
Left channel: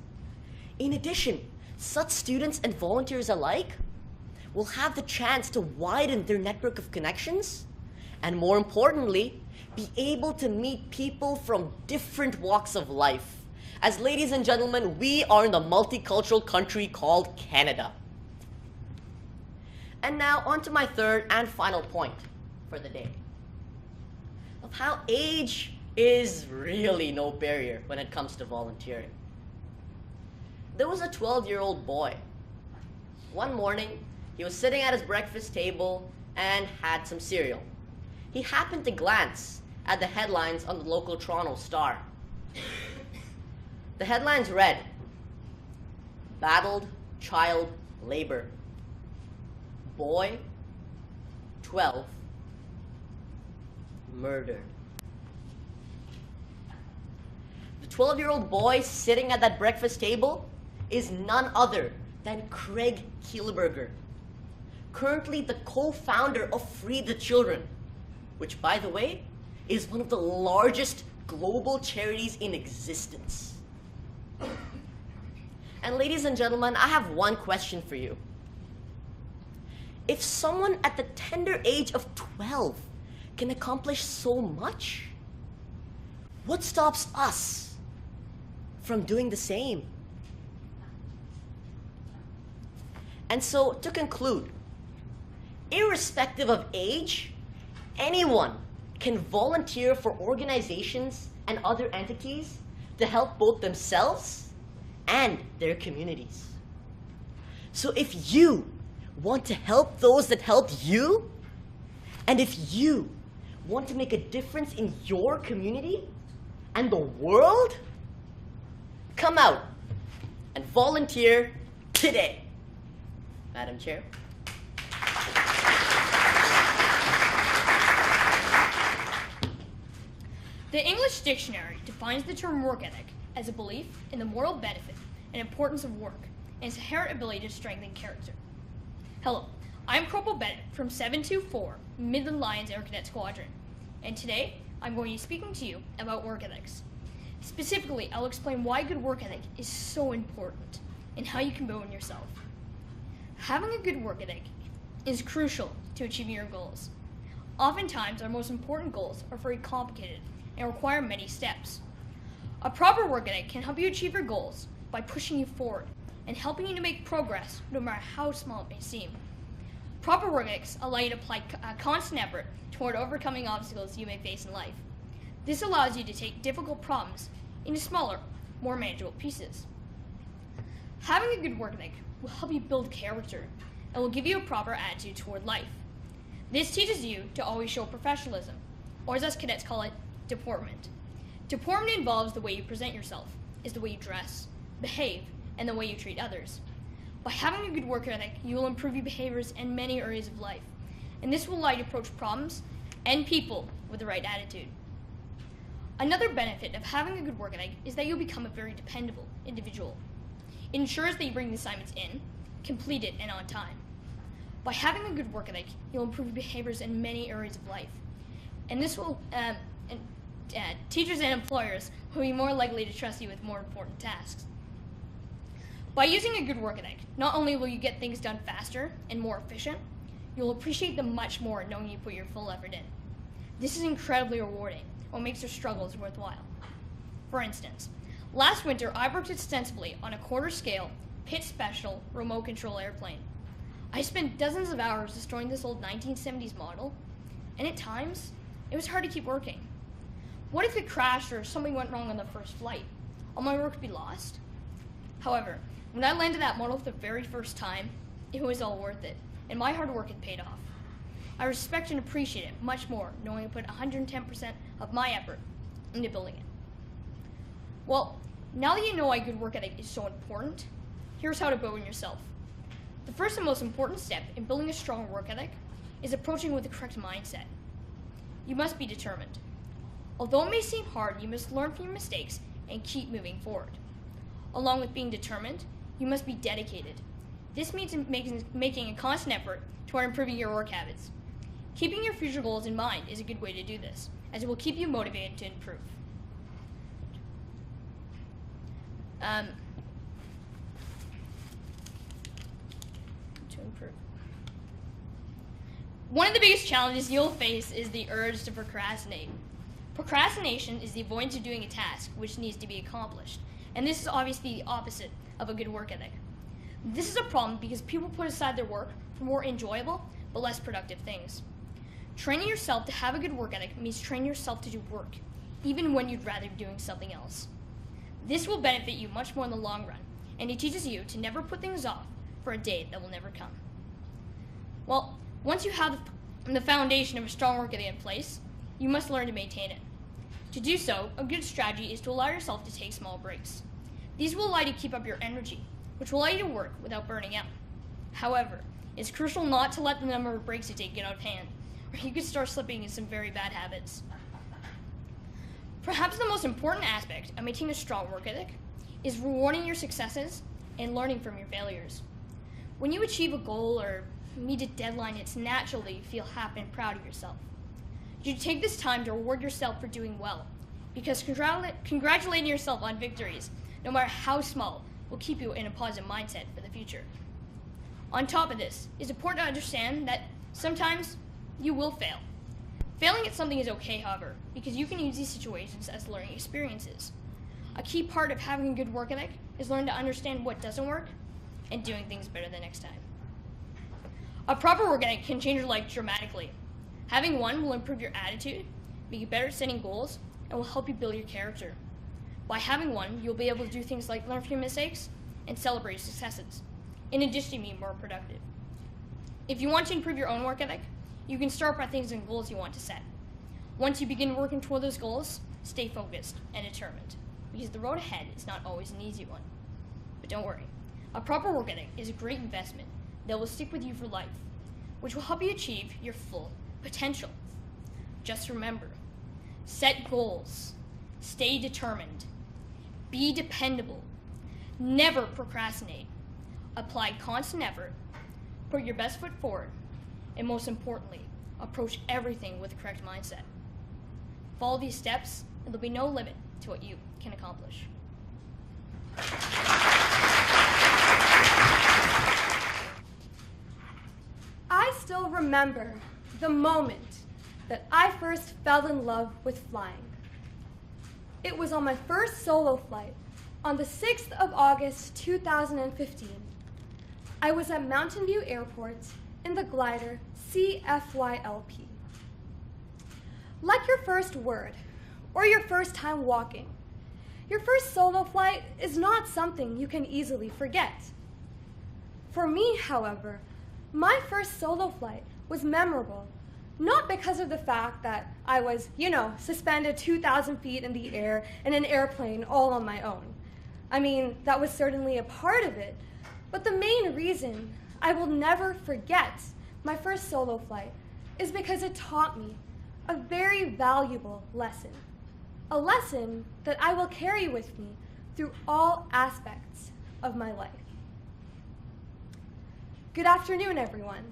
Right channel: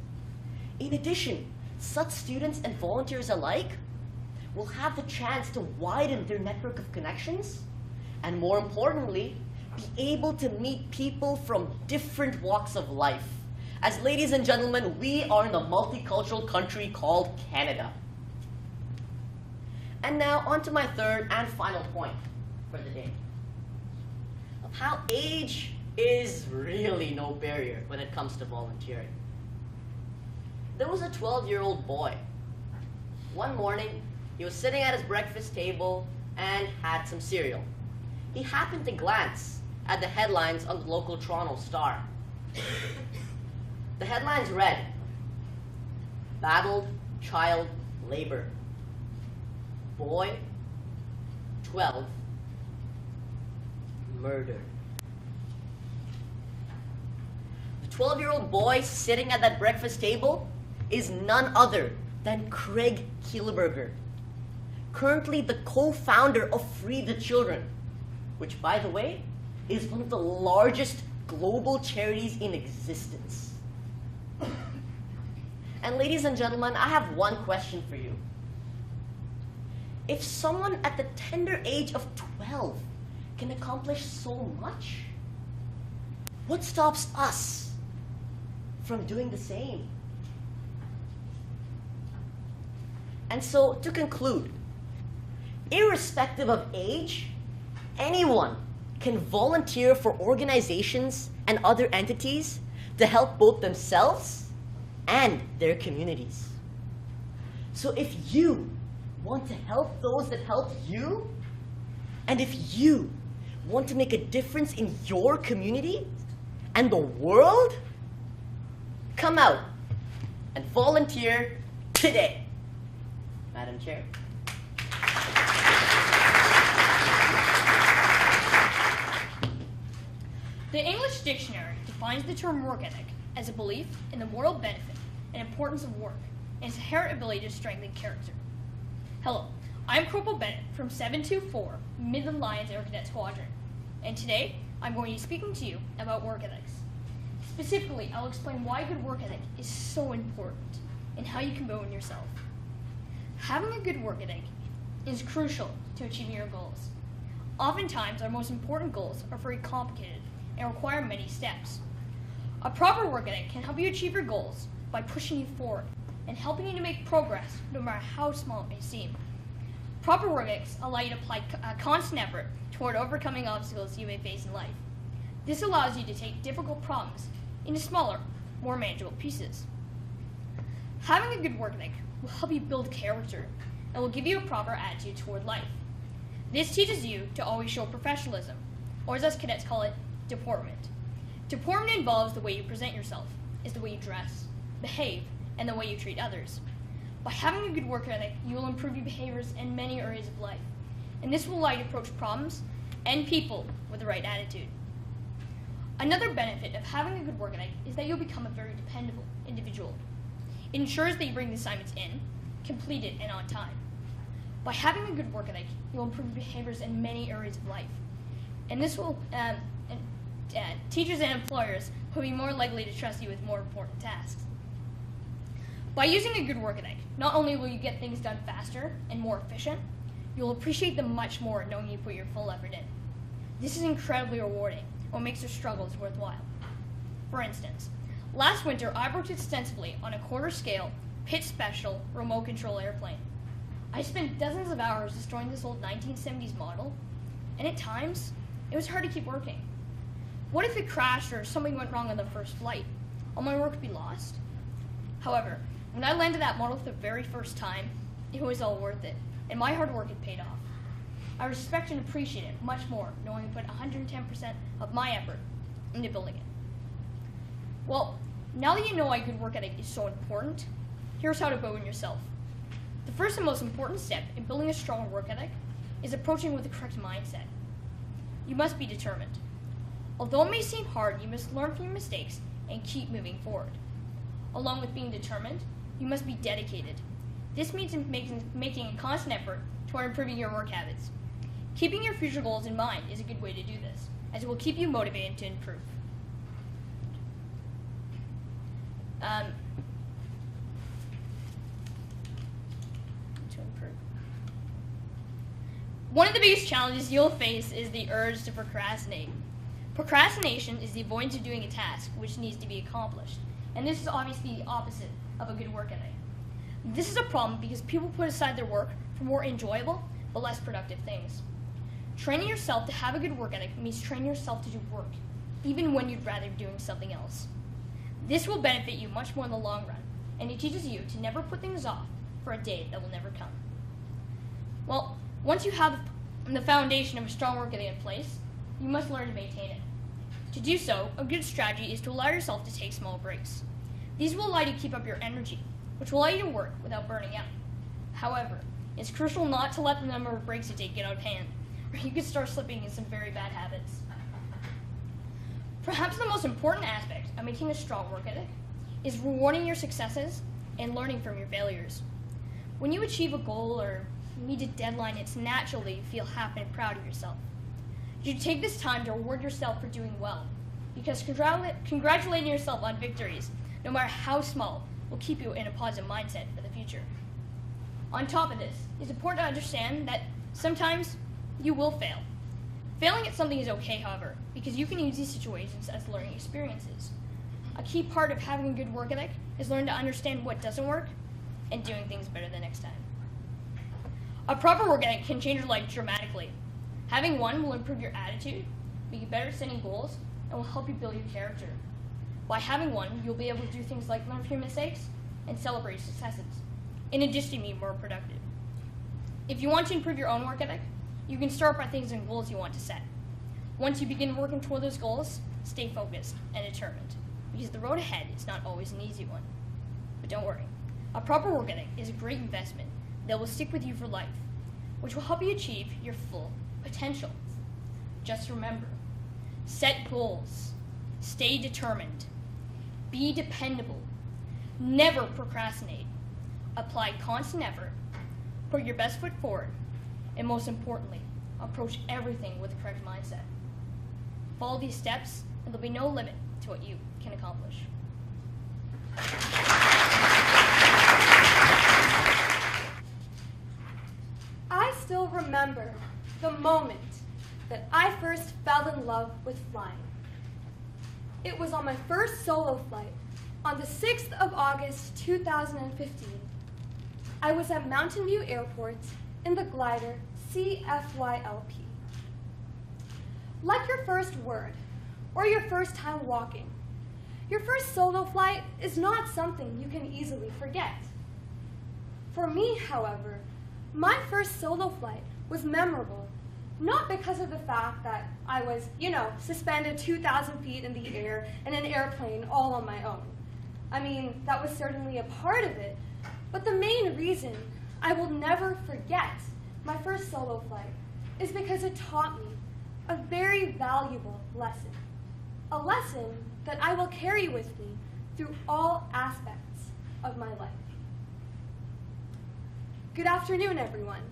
In addition, such students and volunteers alike will have the chance to widen their network of connections and, more importantly, be able to meet people from different walks of life. As ladies and gentlemen, we are in a multicultural country called Canada. And now on to my third and final point for the day, of how age is really no barrier when it comes to volunteering. There was a 12-year-old boy. One morning, he was sitting at his breakfast table and had some cereal. He happened to glance at the headlines on the local Toronto Star. The headlines read, "Battled Child Labor. Boy, 12, murdered." The 12-year-old boy sitting at that breakfast table is none other than Craig Kielberger, currently the co-founder of Free the Children, which, by the way, is one of the largest global charities in existence. And ladies and gentlemen, I have one question for you. If someone at the tender age of 12 can accomplish so much, what stops us from doing the same? And so, to conclude, irrespective of age, anyone can volunteer for organizations and other entities to help both themselves and their communities. So if you want to help those that helped you, and if you want to make a difference in your community and the world, come out and volunteer today. Madam Chair. The English Dictionary defines the term work ethic as a belief in the moral benefit and importance of work and its inherent ability to strengthen character. Hello, I'm Corporal Bennett from 724 Midland Lions Air Cadet Squadron, and today I'm going to be speaking to you about work ethics. Specifically, I'll explain why good work ethic is so important and how you can build it yourself. Having a good work ethic is crucial to achieving your goals. Oftentimes, our most important goals are very complicated and require many steps. A proper work ethic can help you achieve your goals by pushing you forward and helping you to make progress no matter how small it may seem. Proper work ethics allow you to apply a constant effort toward overcoming obstacles you may face in life. This allows you to take difficult problems into smaller, more manageable pieces. Having a good work ethic will help you build character and will give you a proper attitude toward life. This teaches you to always show professionalism, or as us cadets call it, deportment. Deportment involves the way you present yourself, is the way you dress, behave, and the way you treat others. By having a good work ethic, you will improve your behaviors in many areas of life, and this will allow you to approach problems and people with the right attitude. Another benefit of having a good work ethic is that you'll become a very dependable individual. It ensures that you bring the assignments in, complete it, and on time. By having a good work ethic, you'll improve your behaviors in many areas of life, and this will teachers and employers will be more likely to trust you with more important tasks. By using a good work ethic, not only will you get things done faster and more efficient, you'll appreciate them much more knowing you put your full effort in. This is incredibly rewarding and makes your struggles worthwhile. For instance, last winter I worked extensively on a quarter-scale, pit special, remote control airplane. I spent dozens of hours destroying this old 1970s model, and at times, it was hard to keep working. What if it crashed or something went wrong on the first flight? All my work would be lost. However, when I landed that model for the very first time, it was all worth it, and my hard work had paid off. I respect and appreciate it much more knowing I put 110% of my effort into building it. Well, now that you know why good work ethic is so important, here's how to build it yourself. The first and most important step in building a strong work ethic is approaching with the correct mindset. You must be determined. Although it may seem hard, you must learn from your mistakes and keep moving forward. Along with being determined, you must be dedicated. This means making a constant effort toward improving your work habits. Keeping your future goals in mind is a good way to do this, as it will keep you motivated to improve. One of the biggest challenges you'll face is the urge to procrastinate. Procrastination is the avoidance of doing a task which needs to be accomplished, and this is obviously the opposite of a good work ethic. This is a problem because people put aside their work for more enjoyable but less productive things. Training yourself to have a good work ethic means training yourself to do work, even when you'd rather be doing something else. This will benefit you much more in the long run, and it teaches you to never put things off for a date that will never come. Well, once you have the foundation of a strong work ethic in place, you must learn to maintain it. To do so, a good strategy is to allow yourself to take small breaks. These will allow you to keep up your energy, which will allow you to work without burning out. However, it's crucial not to let the number of breaks you take get out of hand, or you could start slipping into some very bad habits. Perhaps the most important aspect of maintaining a strong work ethic is rewarding your successes and learning from your failures. When you achieve a goal or meet a deadline, it's natural that you feel happy and proud of yourself. You take this time to reward yourself for doing well, because congratulating yourself on victories, no matter how small, will keep you in a positive mindset for the future. On top of this, it's important to understand that sometimes you will fail. Failing at something is okay, however, because you can use these situations as learning experiences. A key part of having a good work ethic is learning to understand what doesn't work and doing things better the next time. A proper work ethic can change your life dramatically. Having one will improve your attitude, make you better at setting goals, and will help you build your character. By having one, you'll be able to do things like learn from your mistakes and celebrate successes, in addition to being more productive. If you want to improve your own work ethic, you can start by things and goals you want to set. Once you begin working toward those goals, stay focused and determined, because the road ahead is not always an easy one. But don't worry, a proper work ethic is a great investment that will stick with you for life, which will help you achieve your full potential. Just remember, set goals, stay determined, be dependable, never procrastinate, apply constant effort, put your best foot forward, and most importantly, approach everything with the correct mindset. Follow these steps, and there'll be no limit to what you can accomplish. I still remember the moment that I first fell in love with flying. It was on my first solo flight on the 6th of August, 2015. I was at Mountain View Airport in the glider CFYLP. Like your first word or your first time walking, your first solo flight is not something you can easily forget. For me, however, my first solo flight was memorable, not because of the fact that I was, suspended 2,000 feet in the air in an airplane all on my own. I mean, that was certainly a part of it, but the main reason I will never forget my first solo flight is because it taught me a very valuable lesson, a lesson that I will carry with me through all aspects of my life. Good afternoon, everyone.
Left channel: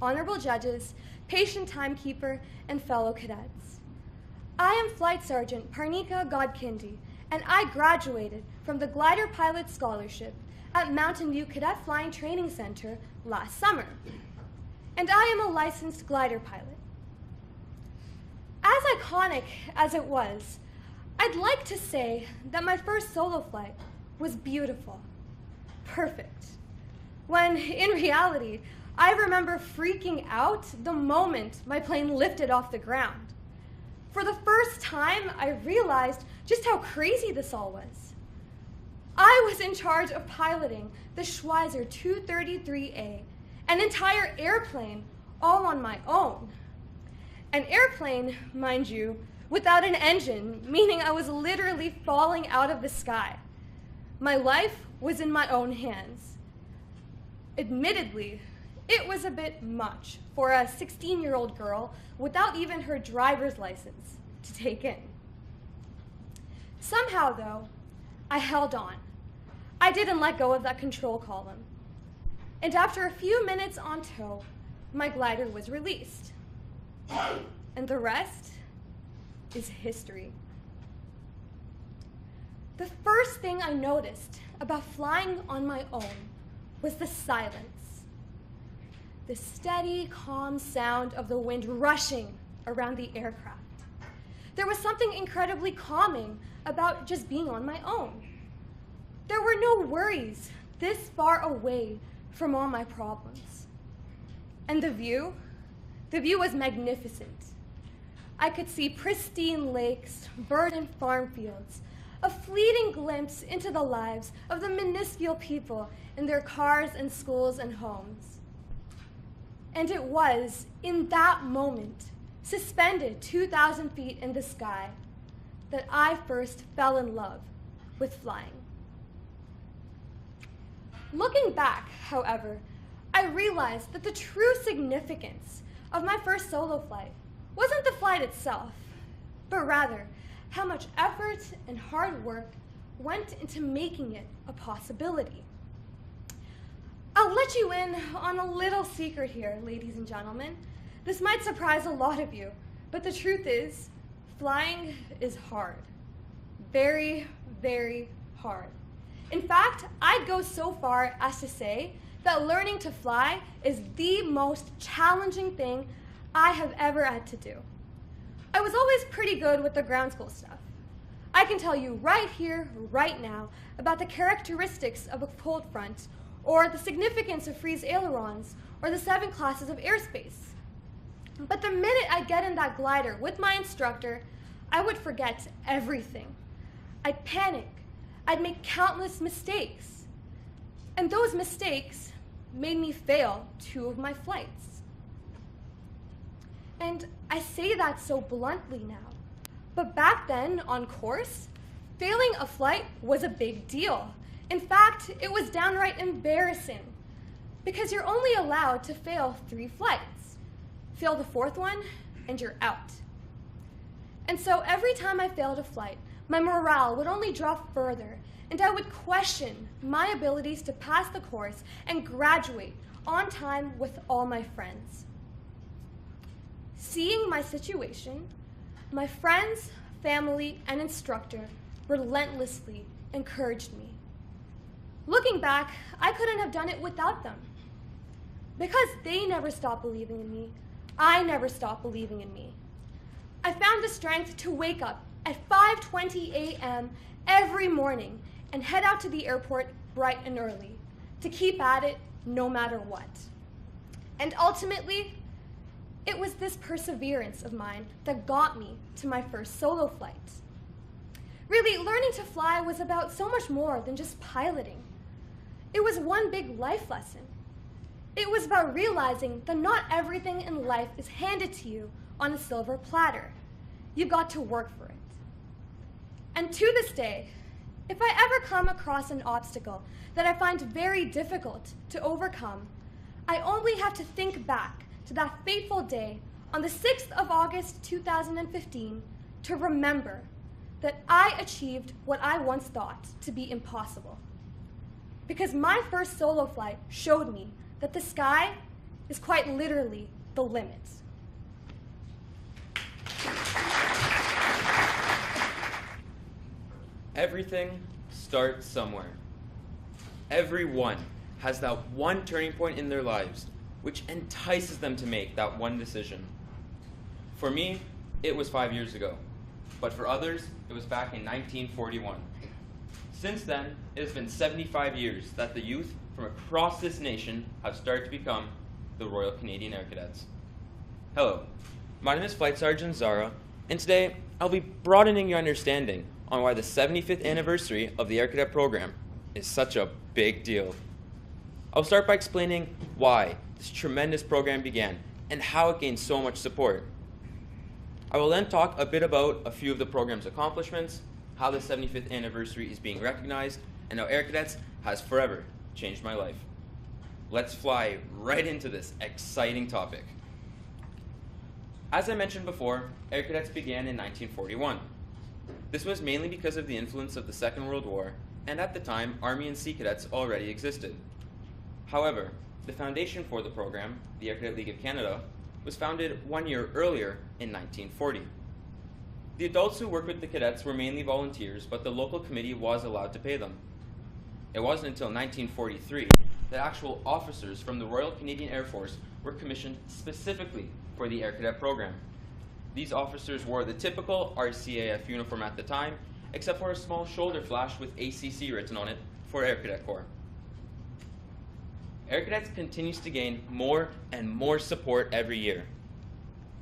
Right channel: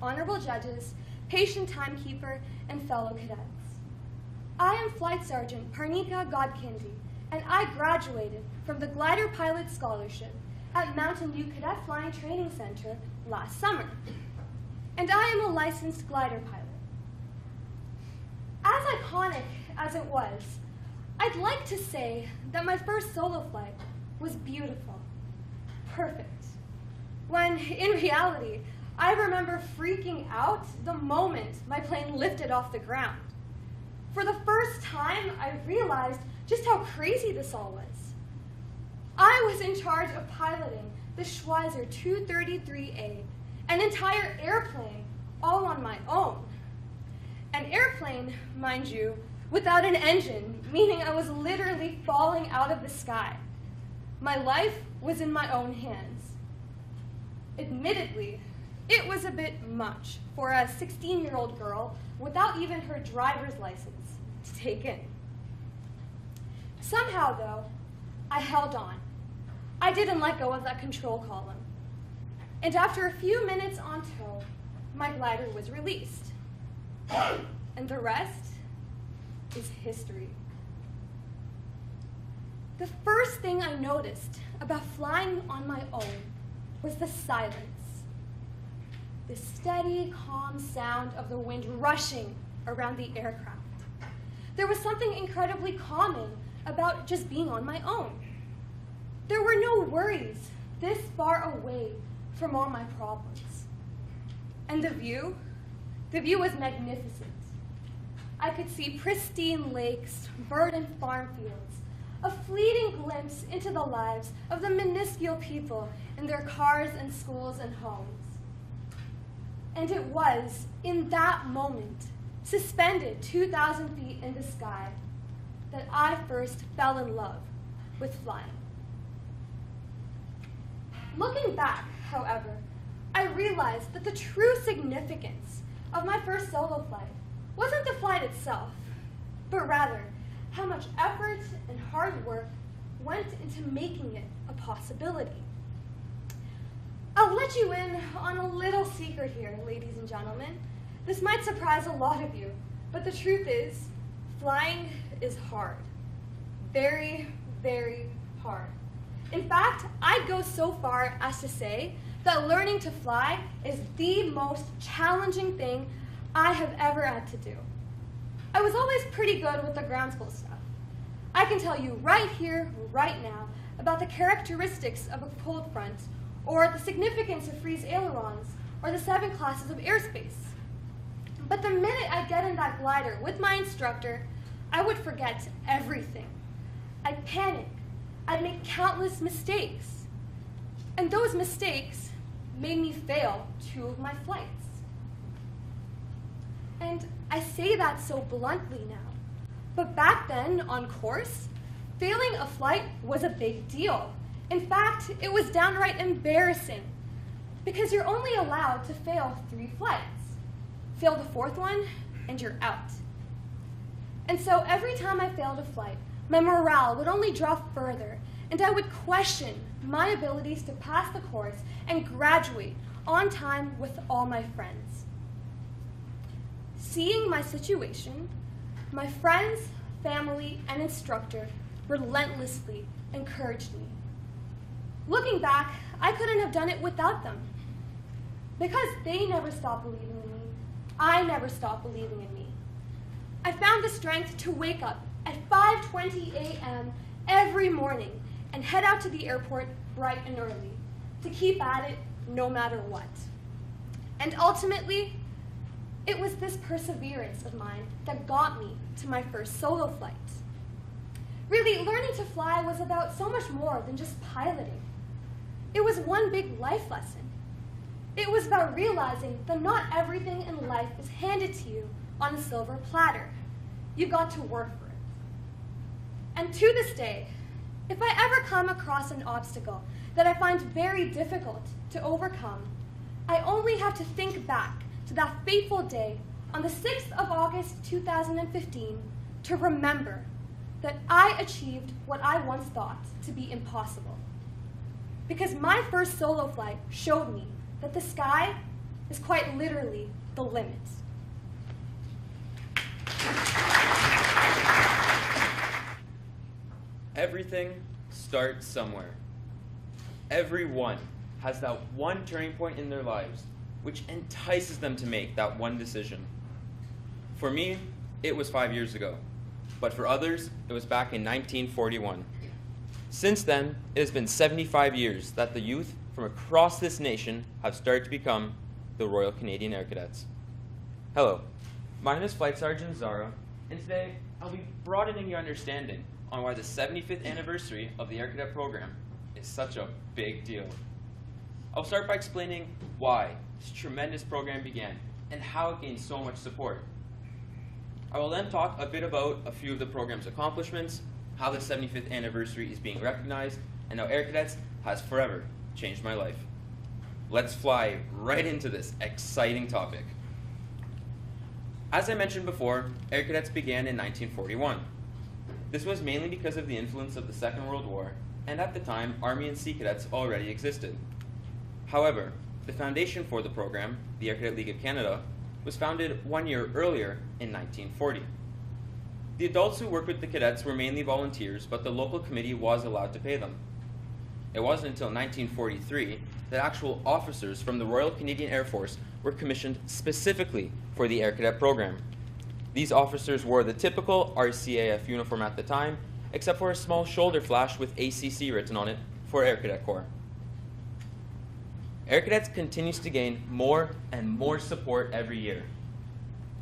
Honorable judges, patient timekeeper, and fellow cadets. I am Flight Sergeant Parnika Godkindi, and I graduated from the Glider Pilot Scholarship at Mountain View Cadet Flying Training Center last summer. And I am a licensed glider pilot. As iconic as it was, I'd like to say that my first solo flight was beautiful, perfect, when in reality, I remember freaking out the moment my plane lifted off the ground. For the first time, I realized just how crazy this all was. I was in charge of piloting the Schweizer 233A, an entire airplane all on my own. An airplane, mind you, without an engine, meaning I was literally falling out of the sky. My life was in my own hands. Admittedly, it was a bit much for a 16-year-old girl without even her driver's license to take in. Somehow, though, I held on. I didn't let go of that control column. And after a few minutes on tow, my glider was released. And the rest is history. The first thing I noticed about flying on my own was the silence. The steady, calm sound of the wind rushing around the aircraft. There was something incredibly calming about just being on my own. There were no worries this far away from all my problems. And the view was magnificent. I could see pristine lakes, verdant farm fields, a fleeting glimpse into the lives of the minuscule people in their cars and schools and homes. And it was in that moment, suspended 2,000 feet in the sky, that I first fell in love with flying. Looking back, however, I realized that the true significance of my first solo flight wasn't the flight itself, but rather how much effort and hard work went into making it a possibility. I'll let you in on a little secret here, ladies and gentlemen. This might surprise a lot of you, but the truth is, flying is hard. Very, very hard. In fact, I'd go so far as to say that learning to fly is the most challenging thing I have ever had to do. I was always pretty good with the ground school stuff. I can tell you right here, right now, about the characteristics of a cold front, or the significance of freeze ailerons, or the 7 classes of airspace. But the minute I'd get in that glider with my instructor, I would forget everything. I'd panic. I'd make countless mistakes. And those mistakes made me fail 2 of my flights. And I say that so bluntly now. But back then, on course, failing a flight was a big deal. In fact, it was downright embarrassing, because you're only allowed to fail 3 flights. Fail the 4th one, and you're out. And so every time I failed a flight, my morale would only drop further, and I would question my abilities to pass the course and graduate on time with all my friends. Seeing my situation, my friends, family, and instructor relentlessly encouraged me. Looking back, I couldn't have done it without them. Because they never stopped believing in me, I never stopped believing in me. I found the strength to wake up at 5:20 a.m. every morning and head out to the airport bright and early to keep at it no matter what. And ultimately, it was this perseverance of mine that got me to my first solo flight. Really, learning to fly was about so much more than just piloting. It was one big life lesson. It was about realizing that not everything in life is handed to you on a silver platter. You got to work for it. And to this day, if I ever come across an obstacle that I find very difficult to overcome, I only have to think back to that fateful day on the 6th of August 2015 to remember that I achieved what I once thought to be impossible. Because my first solo flight showed me that the sky is quite literally the limit. Everything starts somewhere. Everyone has that one turning point in their lives which entices them to make that one decision. For me, it was 5 years ago, but for others, it was back in 1941. Since then, it has been 75 years that the youth from across this nation have started to become the Royal Canadian Air Cadets. Hello, my name is Flight Sergeant Zara, and today I'll be broadening your understanding on why the 75th anniversary of the Air Cadet program is such a big deal. I'll start by explaining why this tremendous program began and how it gained so much support. I will then talk a bit about a few of the program's accomplishments, how the 75th anniversary is being recognized, and how Air Cadets has forever changed my life. Let's fly right into this exciting topic. As I mentioned before, Air Cadets began in 1941. This was mainly because of the influence of the Second World War, and at the time, Army and Sea Cadets already existed. However, the foundation for the program, the Air Cadet League of Canada, was founded 1 year earlier in 1940. The adults who worked with the cadets were mainly volunteers, but the local committee was allowed to pay them. It wasn't until 1943 that actual officers from the Royal Canadian Air Force were commissioned specifically for the Air Cadet program. These officers wore the typical RCAF uniform at the time, except for a small shoulder flash with ACC written on it for Air Cadet Corps. Air Cadets continues to gain more and more support every year.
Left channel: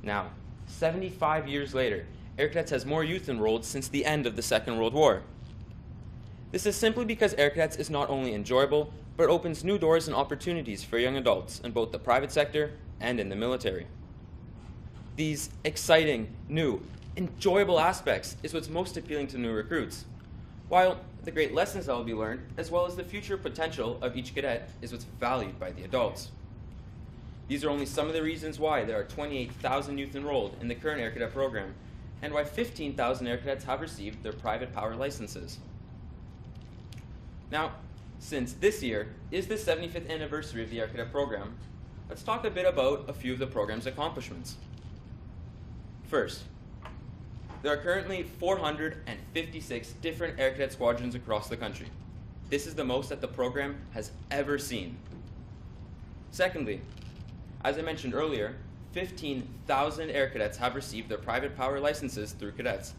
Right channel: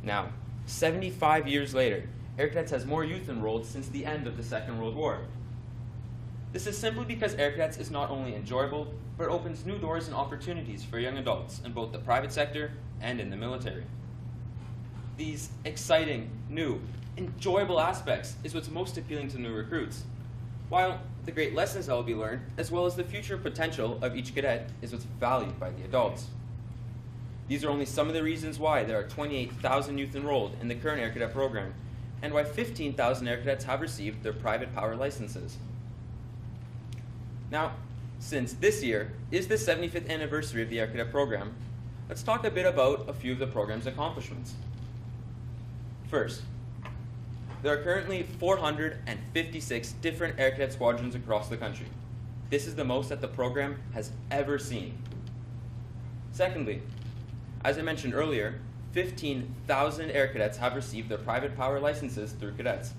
Now, 75 years later, Air Cadets has more youth enrolled since the end of the Second World War. This is simply because Air Cadets is not only enjoyable, but opens new doors and opportunities for young adults in both the private sector and in the military. These exciting, new, enjoyable aspects is what's most appealing to new recruits, while the great lessons that will be learned, as well as the future potential of each cadet, is what's valued by the adults. These are only some of the reasons why there are 28,000 youth enrolled in the current Air Cadet program, and why 15,000 Air Cadets have received their private power licenses. Now, since this year is the 75th anniversary of the Air Cadet program, let's talk a bit about a few of the program's accomplishments. First, there are currently 456 different Air Cadet squadrons across the country. This is the most that the program has ever seen. Secondly, as I mentioned earlier, 15,000 Air Cadets have received their private power licenses through cadets.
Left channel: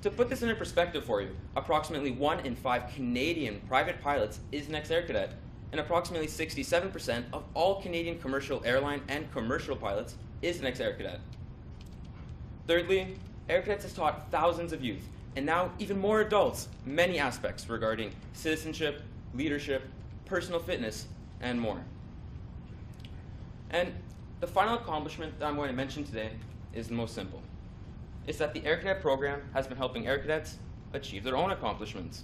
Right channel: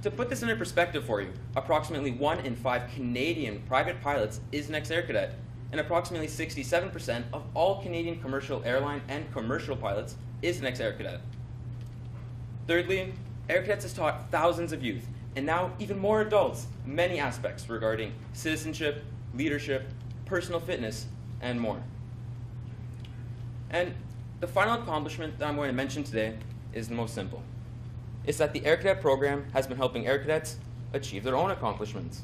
To put this into perspective for you, approximately 1 in 5 Canadian private pilots is an ex-Air Cadet, and approximately 67% of all Canadian commercial airline and commercial pilots is an ex-Air Cadet. Thirdly, Air Cadets has taught thousands of youth, and now even more adults, many aspects regarding citizenship, leadership, personal fitness, and more. And the final accomplishment that I'm going to mention today is the most simple. It's that the Air Cadet program has been helping Air Cadets achieve their own accomplishments.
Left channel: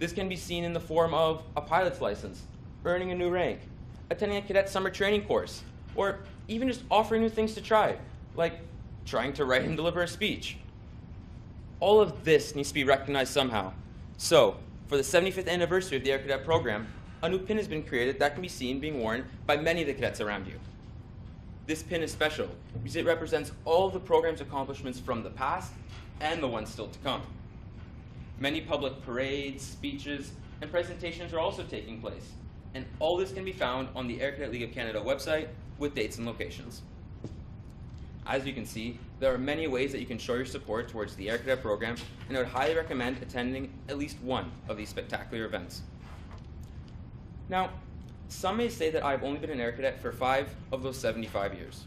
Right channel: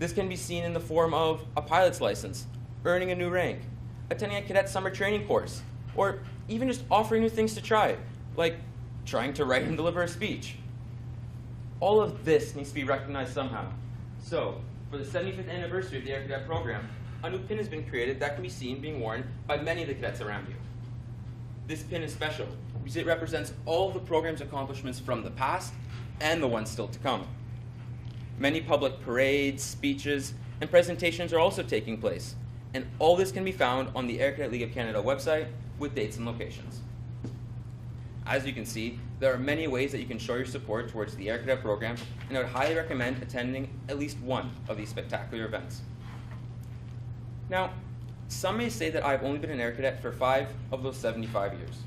This can be seen in the form of a pilot's license, earning a new rank, attending a cadet summer training course, or even just offering new things to try, like trying to write and deliver a speech. All of this needs to be recognized somehow. So, for the 75th anniversary of the Air Cadet program, a new pin has been created that can be seen being worn by many of the cadets around you. This pin is special because it represents all of the program's accomplishments from the past and the ones still to come. Many public parades, speeches, and presentations are also taking place, and all this can be found on the Air Cadet League of Canada website with dates and locations. As you can see, there are many ways that you can show your support towards the Air Cadet program, and I would highly recommend attending at least one of these spectacular events. Now, some may say that I've only been an Air Cadet for 5 of those 75 years.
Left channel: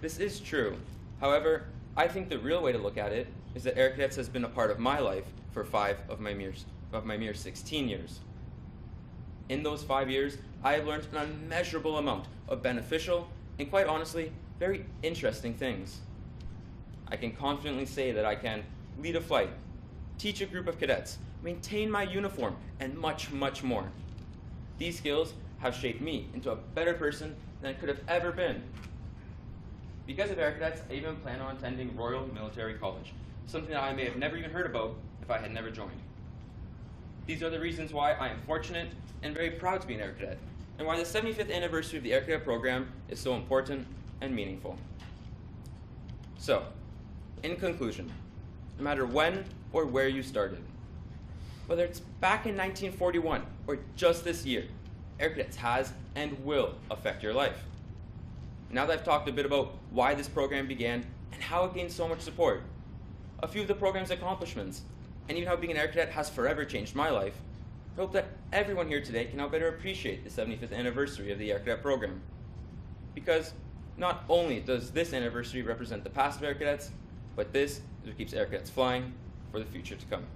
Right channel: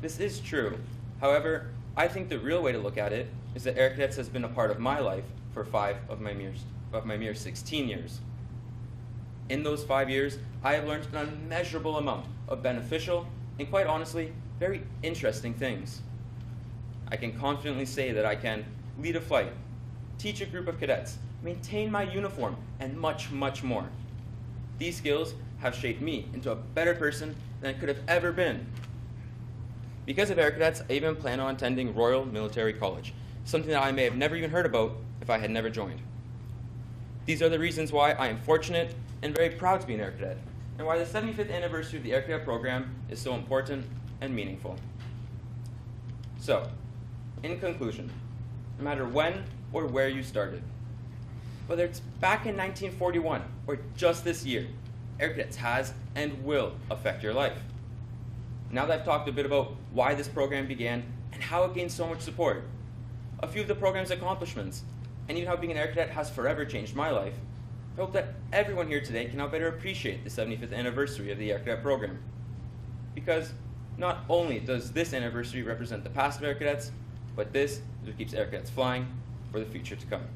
This is true. However, I think the real way to look at it is that Air Cadets has been a part of my life for 5 of my mere 16 years. In those 5 years, I have learned an unmeasurable amount of beneficial and, quite honestly, very interesting things. I can confidently say that I can lead a flight, teach a group of cadets, maintain my uniform, and much, much more. These skills have shaped me into a better person than I could have ever been. Because of Air Cadets, I even plan on attending Royal Military College, something that I may have never even heard about if I had never joined. These are the reasons why I am fortunate and very proud to be an Air Cadet, and why the 75th anniversary of the Air Cadet program is so important and meaningful. So, in conclusion, no matter when or where you started, whether it's back in 1941 or just this year, Air Cadets has and will affect your life. Now that I've talked a bit about why this program began and how it gained so much support, a few of the program's accomplishments, and even how being an Air Cadet has forever changed my life, I hope that everyone here today can now better appreciate the 75th anniversary of the Air Cadet program. Because not only does this anniversary represent the past of Air Cadets, but this is what keeps Air Cadets flying for the future to come.